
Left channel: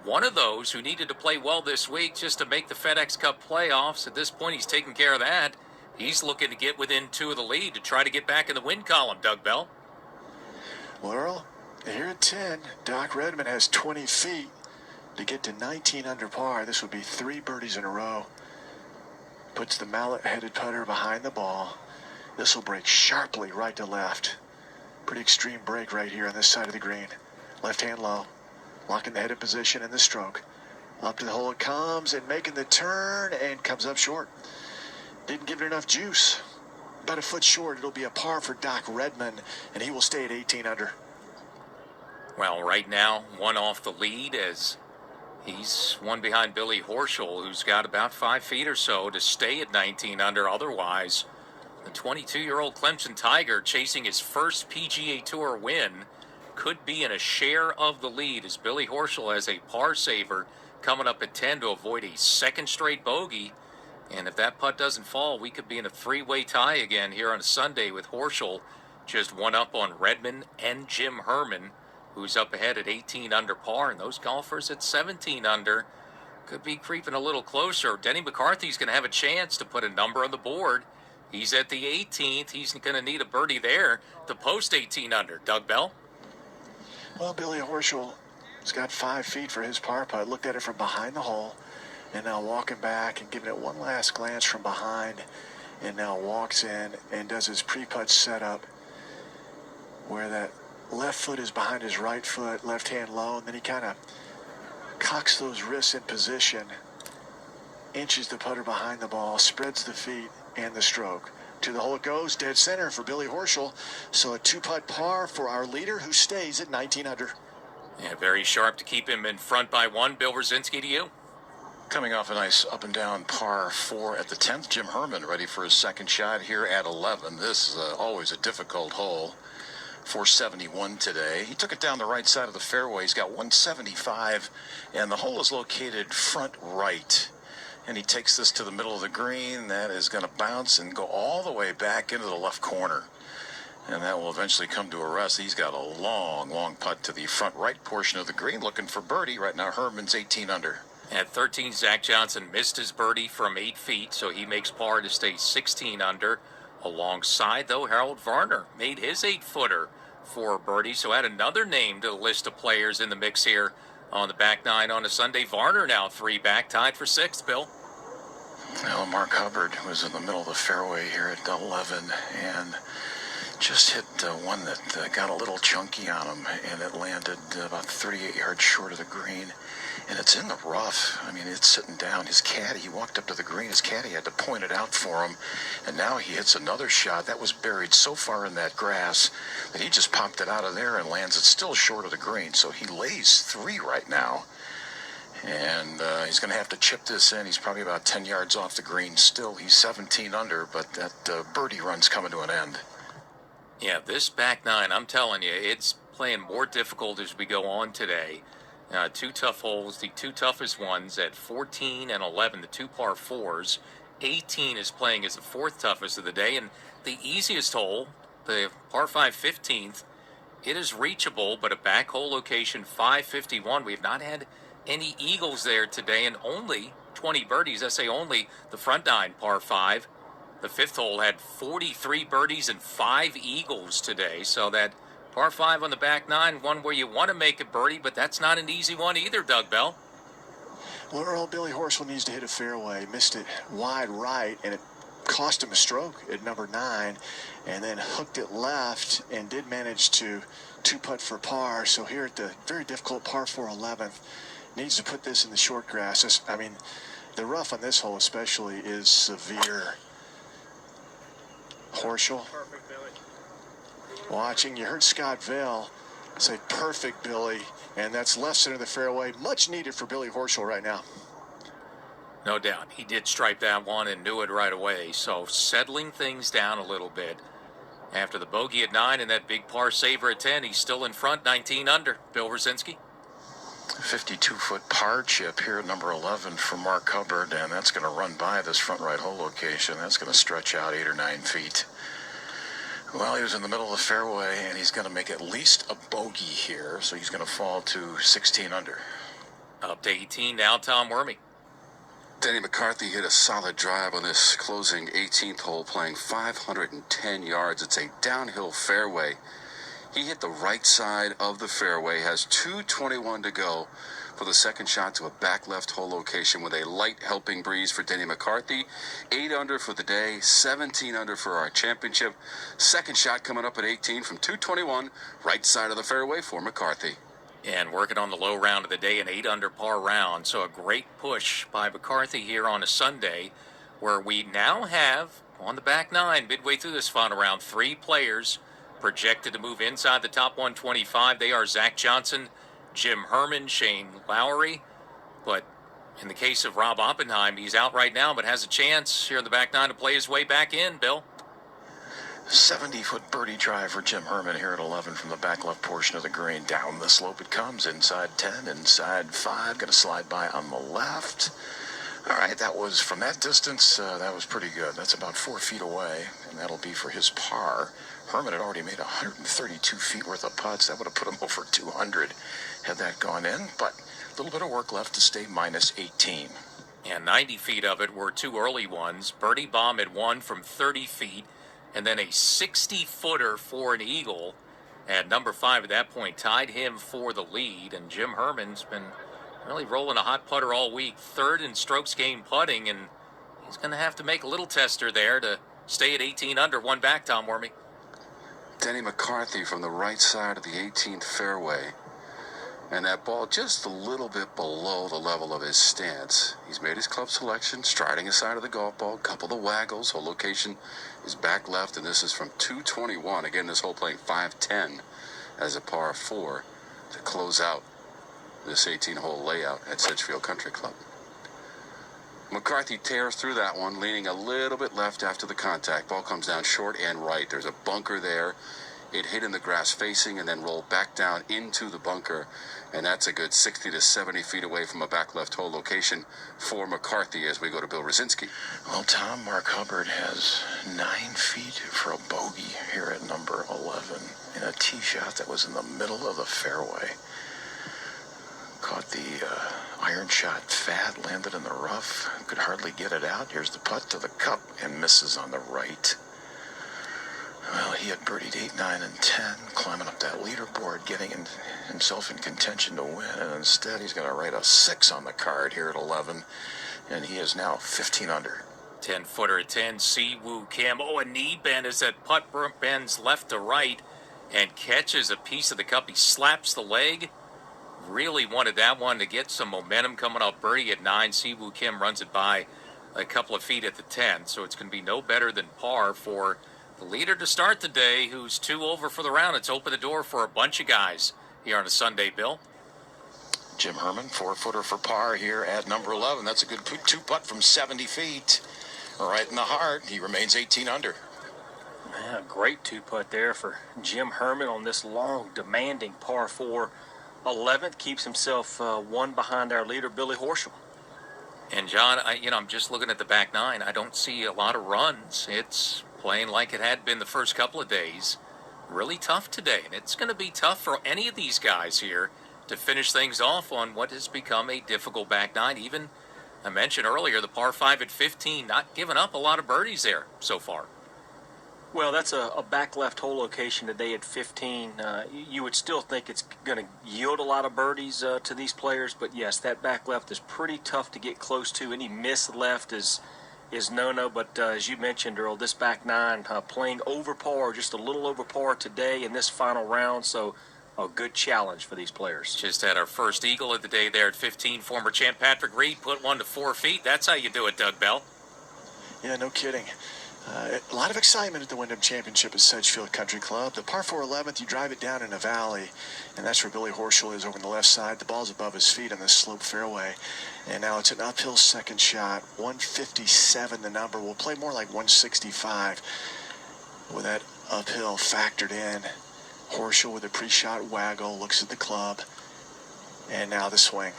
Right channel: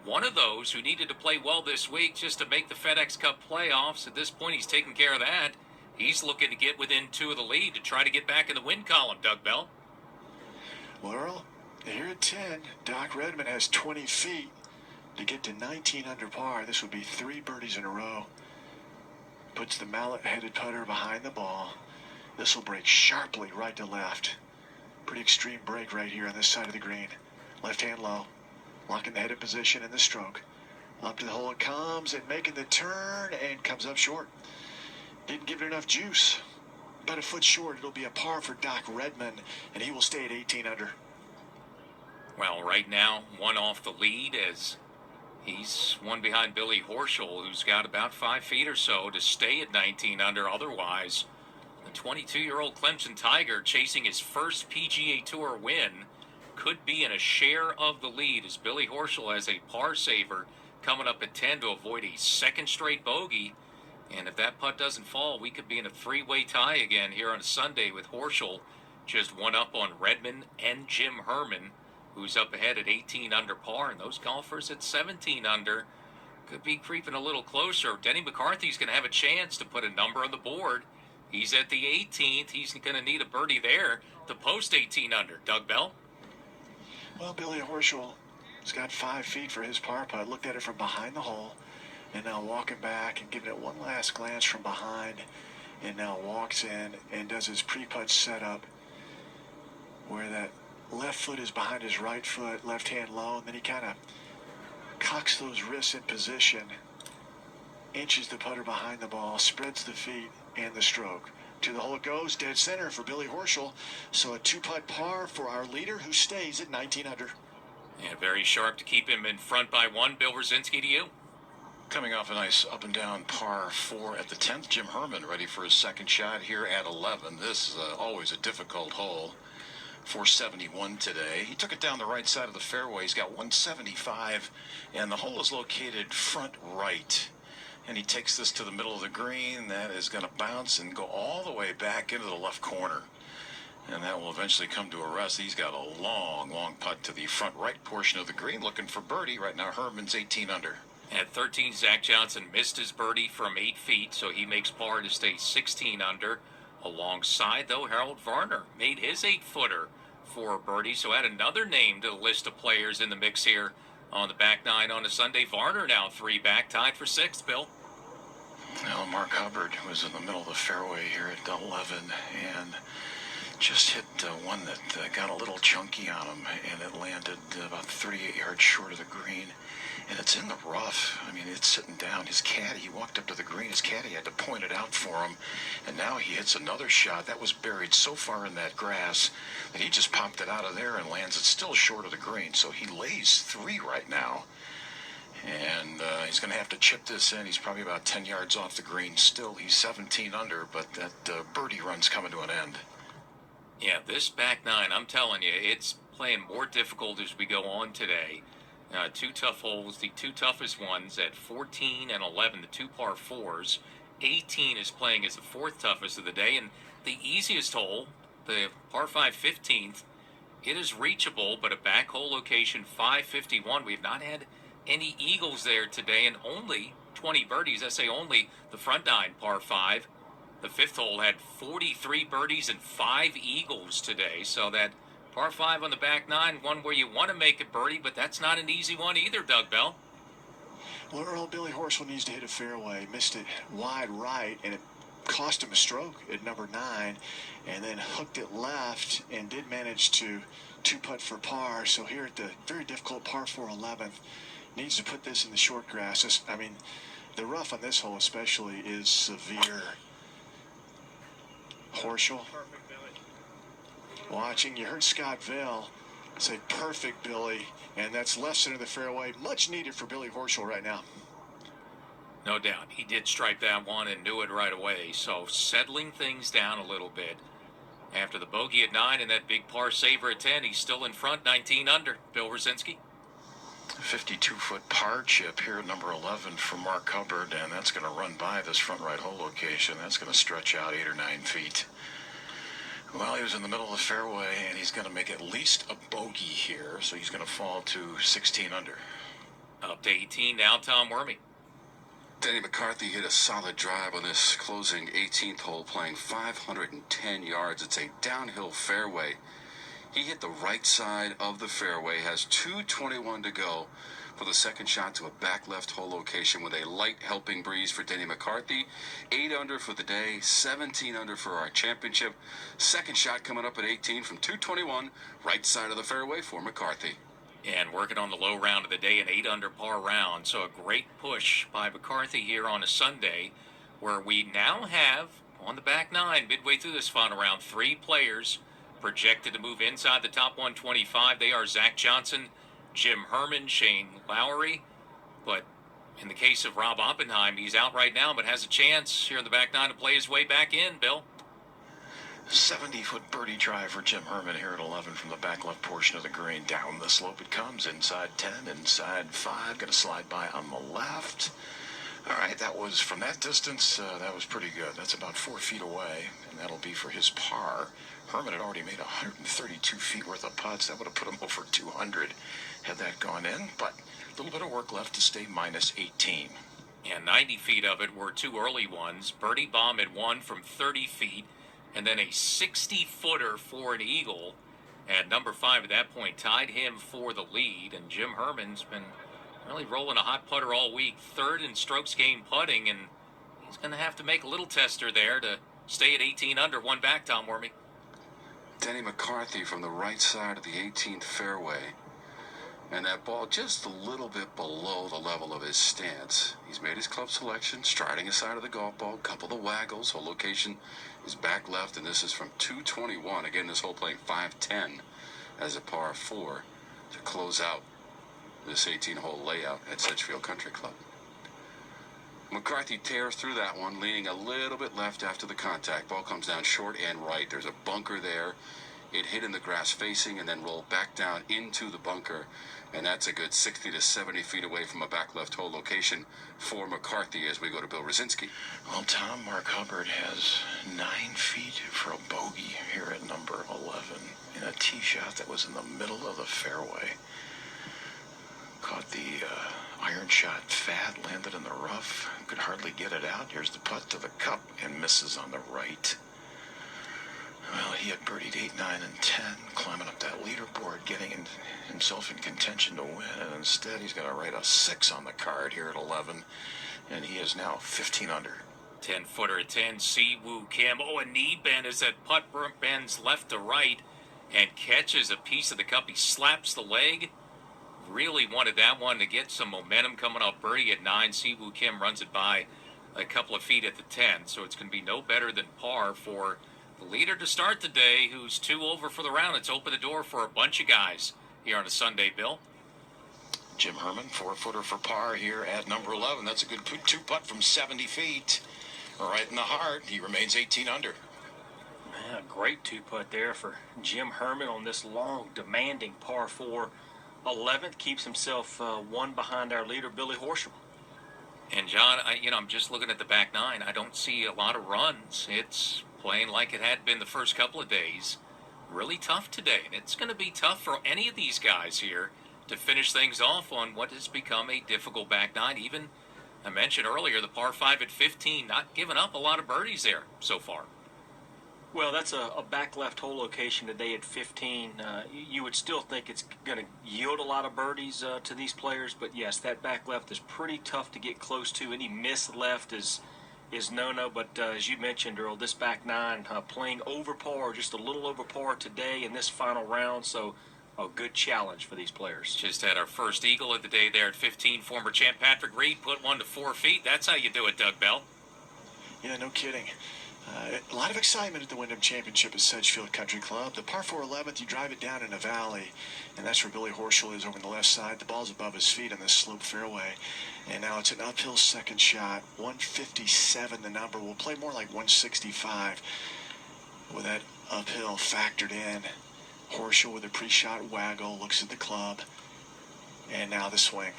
one of those who needed to play well this week just to make the FedEx Cup playoffs. At this point, he's taking care of that. He's looking to get within 2 of the lead to try to get back in the win column, Doug Bell. Well, Earl, here at 10, Doc Redman has 20 feet to get to 19 under par. This would be 3 birdies in a row. Puts the mallet-headed putter behind the ball. This will break sharply right to left. Pretty extreme break right here on this side of the green. Left hand low, locking the head in position in the stroke. Up to the hole it comes and making the turn and comes up short. Didn't give it enough juice. About a foot short. It'll be a par for Doc Redman, and he will stay at 18 under. Well, right now, one off the lead as he's one behind Billy Horschel, who's got about 5 feet or so to stay at 19 under. Otherwise, the 22-year-old Clemson Tiger, chasing his first PGA Tour win, could be in a share of the lead as Billy Horschel has a par saver coming up at 10 to avoid a second straight bogey. And if that putt doesn't fall, we could be in a 3-way tie again here on a Sunday with Horschel just one up on Redman and Jim Herman, who's up ahead at 18 under par. And those golfers at 17 under could be creeping a little closer. Denny McCarthy's going to have a chance to put a number on the board. He's at the 18th. He's going to need a birdie there to post 18 under. Doug Bell? Well, Billy Horschel has got 5 feet for his par putt. Looked at it from behind the hole. And now walking back and giving it one last glance from behind. And now walks in and does his pre-putt setup where that left foot is behind his right foot, left hand low, and then he kind of cocks those wrists in position, inches the putter behind the ball, spreads the feet and the stroke. To the hole it goes, dead center for Billy Horschel. So a 2-putt par for our leader, who stays at 19 under. Yeah, very sharp to keep him in front by 1. Bill Rosinski to you. Coming off a nice up and down par 4 at the 10th, Jim Herman ready for his second shot here at 11. This is always a difficult hole. 471 today. He took it down the right side of the fairway. He's got 175, and the hole is located front right. And he takes this to the middle of the green. That is going to bounce and go all the way back into the left corner. And that will eventually come to a rest. He's got a long, long putt to the front right portion of the green, looking for birdie. Right now, Herman's 18 under. At 13, Zach Johnson missed his birdie from 8 feet, so he makes par to stay 16 under. Alongside, though, Harold Varner made his 8-footer for birdie, so add another name to the list of players in the mix here on the back nine on a Sunday. Varner now 3 back, tied for 6th, Bill. Well, Mark Hubbard was in the middle of the fairway here at 11 and just hit one that got a little chunky on him, and it landed about 38 yards short of the green. And it's in the rough. I mean, it's sitting down. His caddy, he walked up to the green. His caddy had to point it out for him. And now he hits another shot that was buried so far in that grass that he just popped it out of there and lands it still short of the green. So he lays 3 right now. And he's going to have to chip this in. He's probably about 10 yards off the green still. He's 17 under, but that birdie run's coming to an end. Yeah, this back nine, I'm telling you, it's playing more difficult as we go on today. 2 tough holes, the 2 toughest ones at 14 and 11, the 2 par 4s. 18 is playing as the 4th toughest of the day, and the easiest hole, the par 5 15th, it is reachable, but a back hole location 551. We have not had any eagles there today, and only 20 birdies. I say only the front nine, par 5. The 5th hole had 43 birdies and 5 eagles today, so that par 5 on the back nine, one where you want to make a birdie, but that's not an easy one either, Doug Bell. Well, Earl, Billy Horschel needs to hit a fairway. Missed it wide right, and it cost him a stroke at number 9, and then hooked it left and did manage to 2-putt for par. So here at the very difficult par 4 11th, needs to put this in the short grass. I mean, the rough on this hole especially is severe. Horschel. Watching, you heard Scott Vale say perfect, Billy, and that's left center of the fairway. Much needed for Billy Horschel right now. No doubt. He did stripe that one and knew it right away. So settling things down a little bit. After the bogey at 9 and that big par saver at 10, he's still in front, 19 under. Bill Rosinski. 52-foot par chip here at number 11 for Mark Hubbard, and that's going to run by this front right hole location. That's going to stretch out 8 or 9 feet. Well, he was in the middle of the fairway, and he's going to make at least a bogey here, so he's going to fall to 16 under. Up to 18 now, Tom Wormy. Denny McCarthy hit a solid drive on this closing 18th hole, playing 510 yards. It's a downhill fairway. He hit the right side of the fairway, has 2:21 to go for the second shot to a back left hole location with a light helping breeze for Denny McCarthy. 8 under for the day, 17 under for our championship. Second shot coming up at 18 from 2:21, right side of the fairway for McCarthy. And working on the low round of the day, an 8 under par round. So a great push by McCarthy here on a Sunday, where we now have on the back nine, midway through this final round, 3 players projected to move inside the top 125. They are Zach Johnson, Jim Herman, Shane Lowry. But in the case of Rob Oppenheim, he's out right now, but has a chance here in the back nine to play his way back in, Bill. 70-foot birdie drive for Jim Herman here at 11 from the back left portion of the green. Down the slope it comes, inside 10, inside 5. Going to slide by on the left. All right, that was, from that distance, that was pretty good. That's about 4 feet away, and that'll be for his par. Herman had already made 132 feet worth of putts. That would have put him over 200 had that gone in, but a little bit of work left to stay minus 18. And 90 feet of it were 2 early ones. Birdie Bomb had 1 from 30 feet, and then a 60-footer for an eagle. And number 5 at that point tied him for the lead, and Jim Herman's been really rolling a hot putter all week. 3rd in strokes gained putting, and he's going to have to make a little tester there to stay at 18 under, 1 back, Tom Wormy. Denny McCarthy from the right side of the 18th fairway. And that ball just a little bit below the level of his stance. He's made his club selection, striding his side of the golf ball, couple of waggles. Hole location is back left, and this is from 2:21. Again, this hole playing 5:10 as a par 4 to close out this 18-hole layout at Sedgefield Country Club. McCarthy tears through that one, leaning a little bit left after the contact. Ball comes down short and right. There's a bunker there. It hit in the grass facing and then rolled back down into the bunker. And that's a good 60 to 70 feet away from a back left hole location for McCarthy as we go to Bill Rosinski. Well, Tom, Mark Hubbard has 9 feet for a bogey here at number 11 in a tee shot that was in the middle of the fairway. Caught the iron shot fat, landed in the rough, could hardly get it out. Here's the putt to the cup and misses on the right. Well, he had birdied 8, 9, and 10, climbing up that leaderboard, getting himself in contention to win, and instead he's going to write a 6 on the card here at 11, and he is now 15 under. 10-footer at 10, Siwoo Kim. Oh, a knee bend as that putt bends left to right and catches a piece of the cup. He slaps the leg. Really wanted that one to get some momentum coming off birdie at 9. Siwoo Kim runs it by a couple of feet at the 10, so it's going to be no better than par for the leader to start the day, who's 2 over for the round. It's opened the door for a bunch of guys here on a Sunday, Bill. Jim Herman, 4-footer for par here at number 11. That's a good 2-putt from 70 feet. Right in the heart. He remains 18 under. Man, a great 2-putt there for Jim Herman on this long, demanding par 4. 11th, keeps himself 1 behind our leader, Billy Horschel. And John, I'm just looking at the back 9. I don't see a lot of runs. It's playing like it had been the first couple of days. Really tough today, and it's going to be tough for any of these guys here to finish things off on what has become a difficult back 9. Even, I mentioned earlier, the par 5 at 15, not giving up a lot of birdies there so far. Well, that's a back left hole location today at 15. You would still think it's going to yield a lot of birdies to these players, but yes, that back left is pretty tough to get close to. Any miss left is no-no, but as you mentioned, Earl, this back 9 playing over par, just a little over par today in this final round, so a good challenge for these players. Just had our first eagle of the day there at 15. Former champ Patrick Reed put one to 4 feet. That's how you do it, Doug Bell. Yeah, no kidding. A lot of excitement at the Wyndham Championship at Sedgefield Country Club. The par 4 11th, you drive it down in a valley, and that's where Billy Horschel is over on the left side. The ball's above his feet on this slope fairway, and now it's an uphill second shot. 157 the number. We'll play more like 165 with that uphill factored in. Horschel with a pre-shot waggle, looks at the club, and now the swing.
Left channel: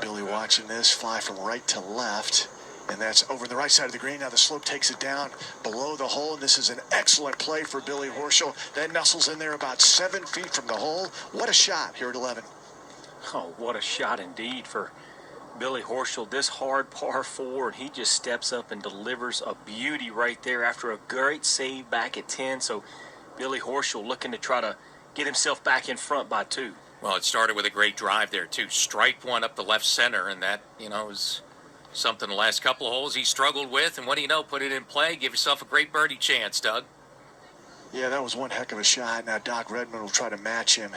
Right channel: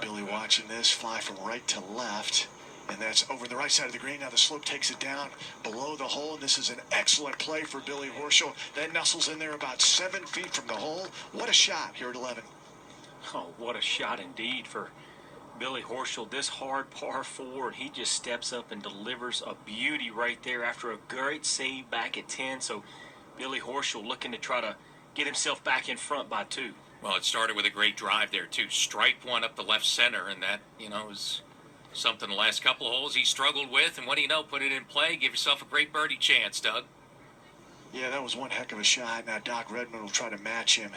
Billy watching this fly from right to left. And that's over the right side of the green. Now the slope takes it down below the hole. And this is an excellent play for Billy Horschel. That nestles in there about 7 feet from the hole. What a shot here at 11. Oh, what a shot indeed for Billy Horschel. This hard par 4, and he just steps up and delivers a beauty right there after a great save back at 10. So Billy Horschel looking to try to get himself back in front by 2. Well, it started with a great drive there, too. Striped one up the left center, and that, is something the last couple of holes he struggled with, and what do you know, put it in play, give yourself a great birdie chance, Doug. Yeah, that was one heck of a shot. Now Doc Redman will try to match him.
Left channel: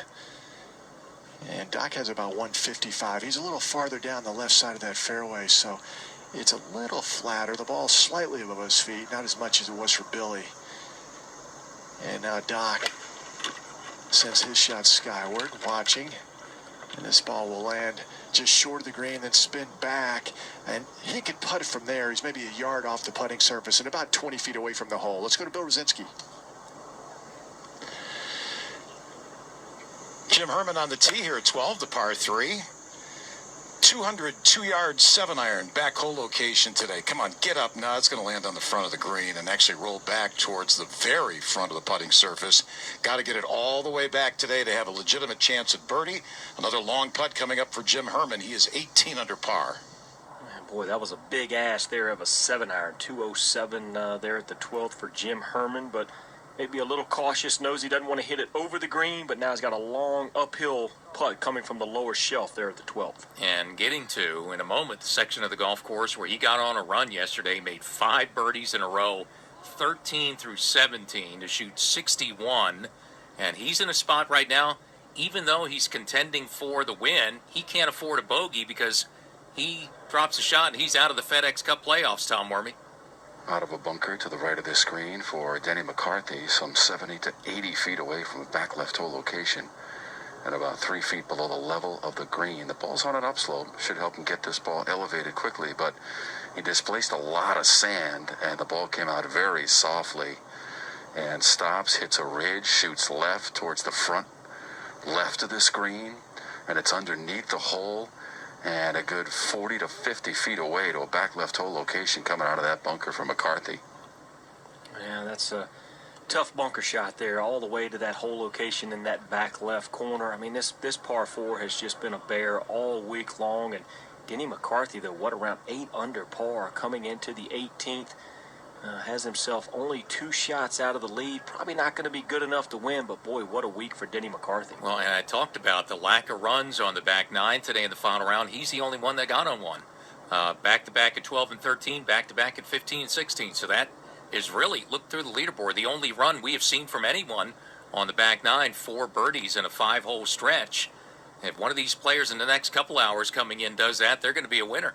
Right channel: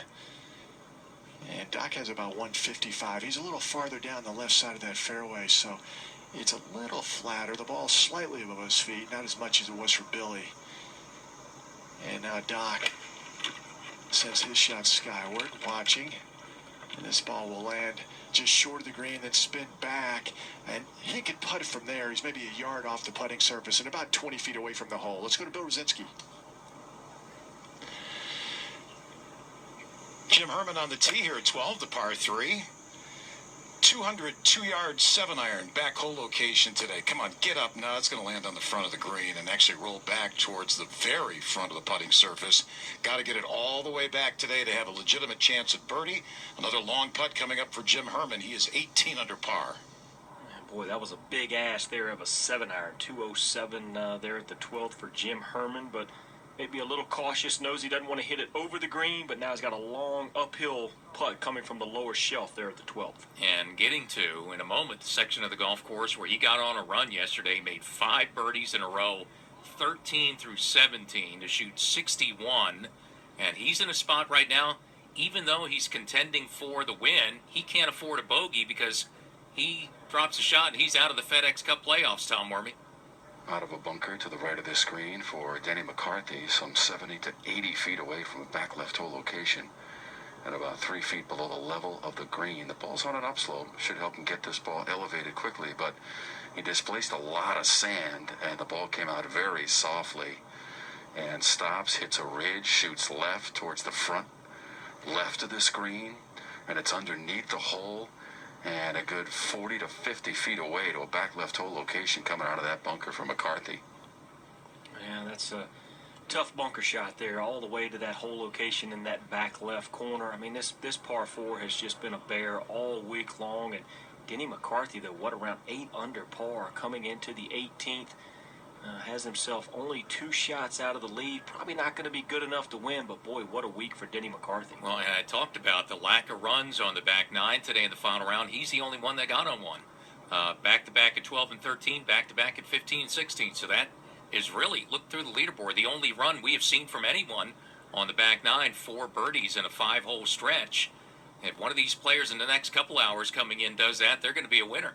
And Doc has about 155. He's a little farther down the left side of that fairway, so it's a little flatter. The ball's slightly above his feet, not as much as it was for Billy. And now Doc sends his shot skyward, watching. And this ball will land just short of the green, then spin back. And he can putt it from there. He's maybe a yard off the putting surface and about 20 feet away from the hole. Let's go to Bill Rosinski. Jim Herman on the tee here at 12, the par 3. 202-yard 7-iron back hole location today. Come on, get up now. It's going to land on the front of the green and actually roll back towards the very front of the putting surface. Got to get it all the way back today to have a legitimate chance at birdie. Another long putt coming up for Jim Herman. He is 18 under par. Man, boy, that was a big ass there of a 7-iron. 207 there at the 12th for Jim Herman, but maybe a little cautious, knows he doesn't want to hit it over the green, but now he's got a long uphill putt coming from the lower shelf there at the 12th. And getting to, in a moment, the section of the golf course where he got on a run yesterday, made 5 birdies in a row, 13 through 17 to shoot 61. And he's in a spot right now, even though he's contending for the win, he can't afford a bogey because he drops a shot and he's out of the FedEx Cup playoffs, Tom Wormy. Out of a bunker to the right of the screen for Denny McCarthy, some 70 to 80 feet away from a back left hole location. and about 3 feet below the level of the green. The ball's on an upslope, should help him get this ball elevated quickly, but he displaced a lot of sand, and the ball came out very softly and stops, hits a ridge, shoots left towards the front left of this green, and it's underneath the hole and a good 40 to 50 feet away to a back left hole location coming out of that bunker for McCarthy. Yeah, that's a tough bunker shot there, all the way to that hole location in that back left corner. I mean, this par 4 has just been a bear all week long, and Denny McCarthy, though, around 8 under par coming into the 18th. Has himself only 2 shots out of the lead. Probably not going to be good enough to win, but boy, what a week for Denny McCarthy. Well, and I talked about the lack of runs on the back 9 today in the final round. He's the only one that got on one. Back-to-back at 12 and 13, back-to-back at 15 and 16. So that is really, look through the leaderboard, the only run we have seen from anyone on the back 9, 4 birdies in a 5-hole stretch. If one of these players in the next couple hours coming in does that, they're going to be a winner.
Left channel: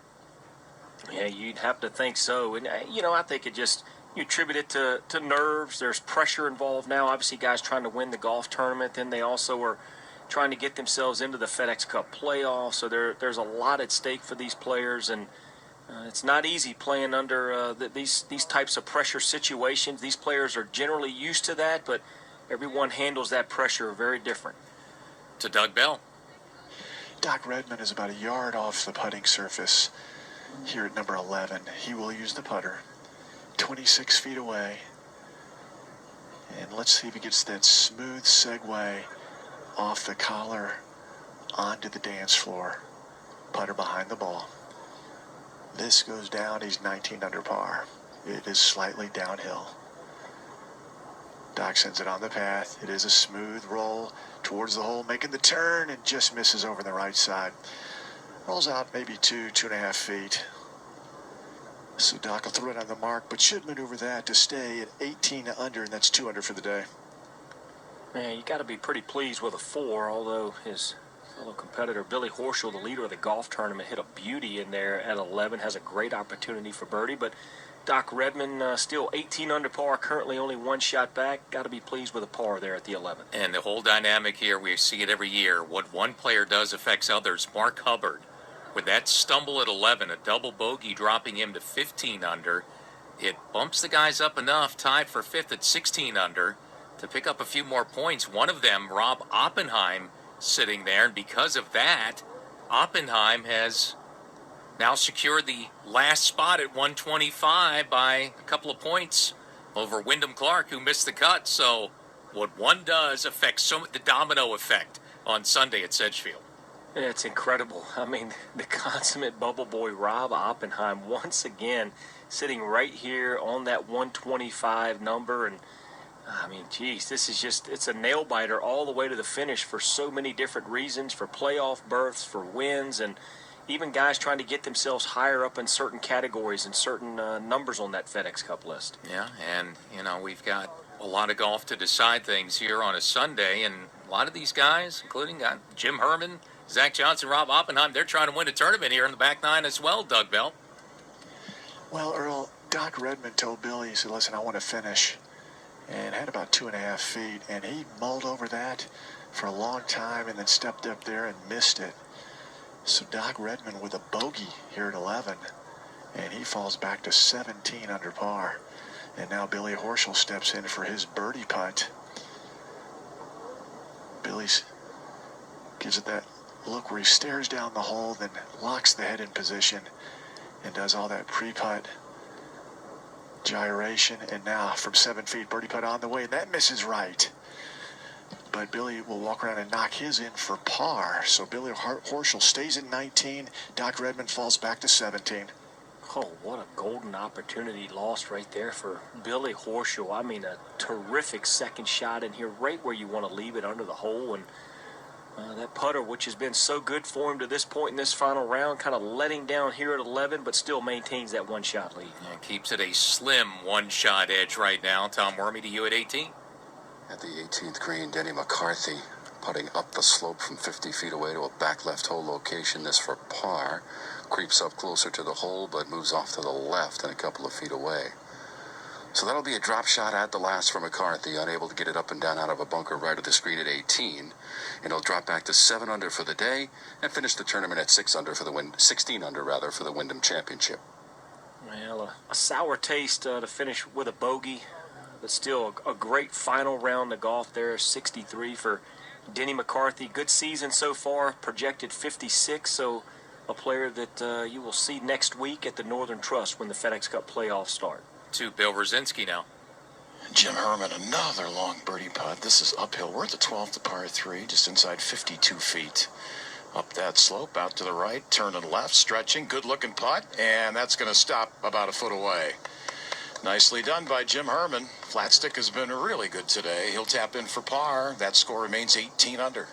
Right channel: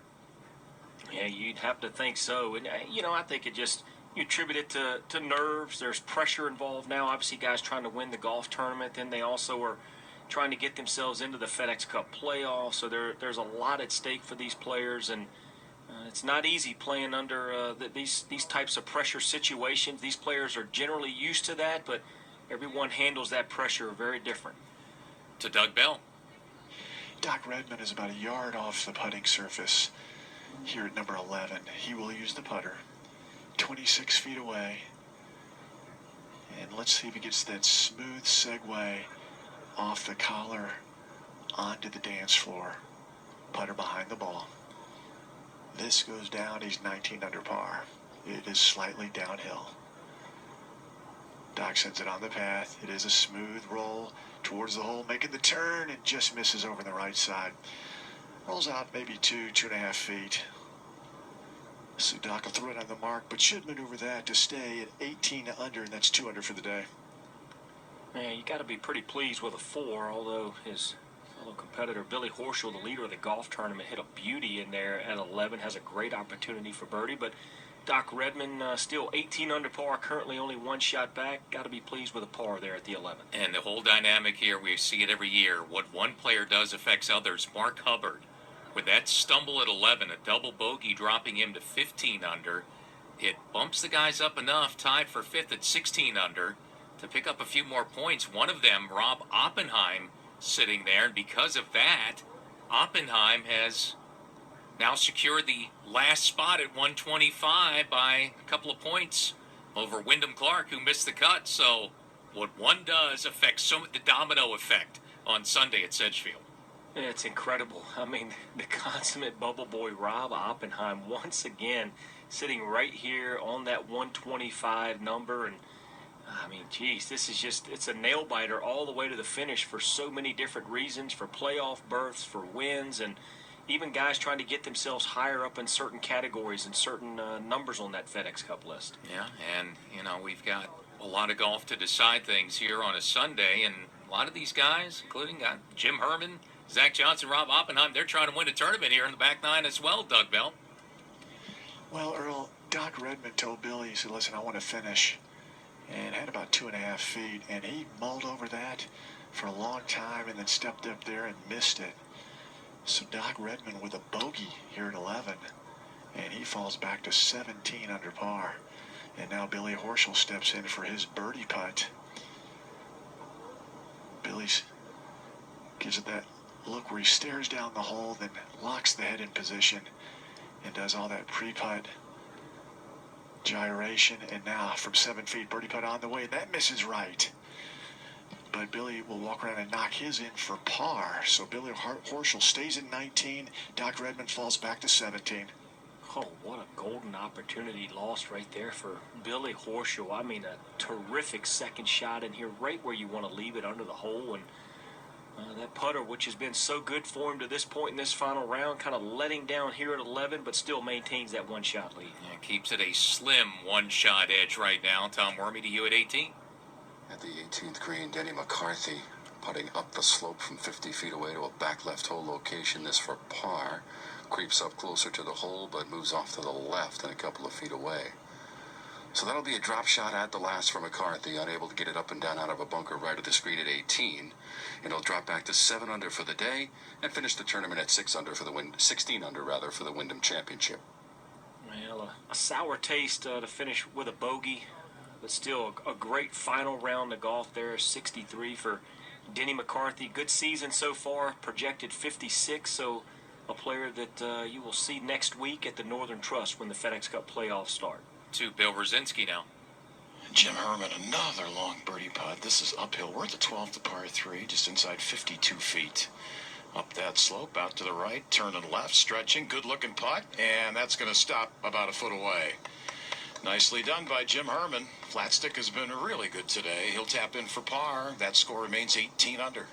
Yeah, you'd have to think so. And, I think you attribute it to nerves. There's pressure involved now. Obviously, guys trying to win the golf tournament. Then they also are trying to get themselves into the FedEx Cup playoffs. So there's a lot at stake for these players. And it's not easy playing under these types of pressure situations. These players are generally used to that, but everyone handles that pressure very different. To Doug Bell. Doc Redman is about a yard off the putting surface here at number 11. He will use the putter 26 feet away. And let's see if he gets that smooth segue off the collar onto the dance floor. Putter behind the ball. This goes down. He's 19 under par. It is slightly downhill. Doc sends it on the path. It is a smooth roll towards the hole, making the turn, and just misses over the right side. Rolls out maybe 2.5 feet. So Doc will throw it on the mark, but should maneuver that to stay at 18 under, and that's 2 under for the day. Man, you got to be pretty pleased with a 4, although his fellow competitor Billy Horschel, the leader of the golf tournament, hit a beauty in there at 11, has a great opportunity for birdie, but Doc Redman still 18 under par, currently only 1 shot back. Got to be pleased with a par there at the 11th. And the whole dynamic here, we see it every year. What one player does affects others. Mark Hubbard, with that stumble at 11, a double bogey dropping him to 15 under, it bumps the guys up enough, tied for 5th at 16 under, to pick up a few more points. One of them, Rob Oppenheim, sitting there, and because of that, Oppenheim has now secured the last spot at 125 by a couple of points over Wyndham Clark, who missed the cut. So what one does affects the domino effect on Sunday at Sedgefield. It's incredible. I mean, the consummate bubble boy Rob Oppenheim once again sitting right here on that 125 number. And I mean, geez, this is it's a nail biter all the way to the finish for so many different reasons, for playoff berths, for wins, and even guys trying to get themselves higher up in certain categories and certain numbers on that FedEx Cup list. Yeah, and, we've got a lot of golf to decide things here on a Sunday, and a lot of these guys, including Jim Herman, Zach Johnson, Rob Oppenheim, they're trying to win a tournament here in the back 9 as well, Doug Bell. Well, Earl, Doc Redman told Billy, he said, listen, I want to finish, and had about 2.5 feet, and he mulled over that for a long time and then stepped up there and missed it. So Doc Redman with a bogey here at 11, and he falls back to 17 under par. And now Billy Horschel steps in for his birdie putt. Billy's gives it that look where he stares down the hole, then locks the head in position and does all that pre-putt gyration. And now from 7 feet, birdie putt on the way, and that misses right. But Billy will walk around and knock his in for par. So Billy Horschel stays in 19. Doc Redman falls back to 17. Oh, what a golden opportunity lost right there for Billy Horschel. I mean, a terrific second shot in here, right where you want to leave it under the hole. And that putter, which has been so good for him to this point in this final round, kind of letting down here at 11, but still maintains that 1-shot lead. And keeps it a slim 1-shot edge right now. Tom Wormy to you at 18. At the 18th green, Denny McCarthy putting up the slope from 50 feet away to a back left hole location. This for par. Creeps up closer to the hole, but moves off to the left and a couple of feet away. So that'll be a drop shot at the last for McCarthy, unable to get it up and down out of a bunker right of the screen at 18. And he'll drop back to 7 under for the day and finish the tournament at 16 under rather for the Wyndham Championship. Well, a sour taste to finish with a bogey, but still a great final round of golf there. 63 for Denny McCarthy. Good season so far, projected 56. So a player that you will see next week at the Northern Trust when the FedEx Cup playoffs start. To Bill Rosinski now. Jim Herman, another long birdie putt. This is uphill. We're at the 12th, the par 3, just inside 52 feet. Up that slope, out to the right, turning left, stretching, good-looking putt, and that's going to stop about a foot away. Nicely done by Jim Herman. Flat stick has been really good today. He'll tap in for par. That score remains 18 under.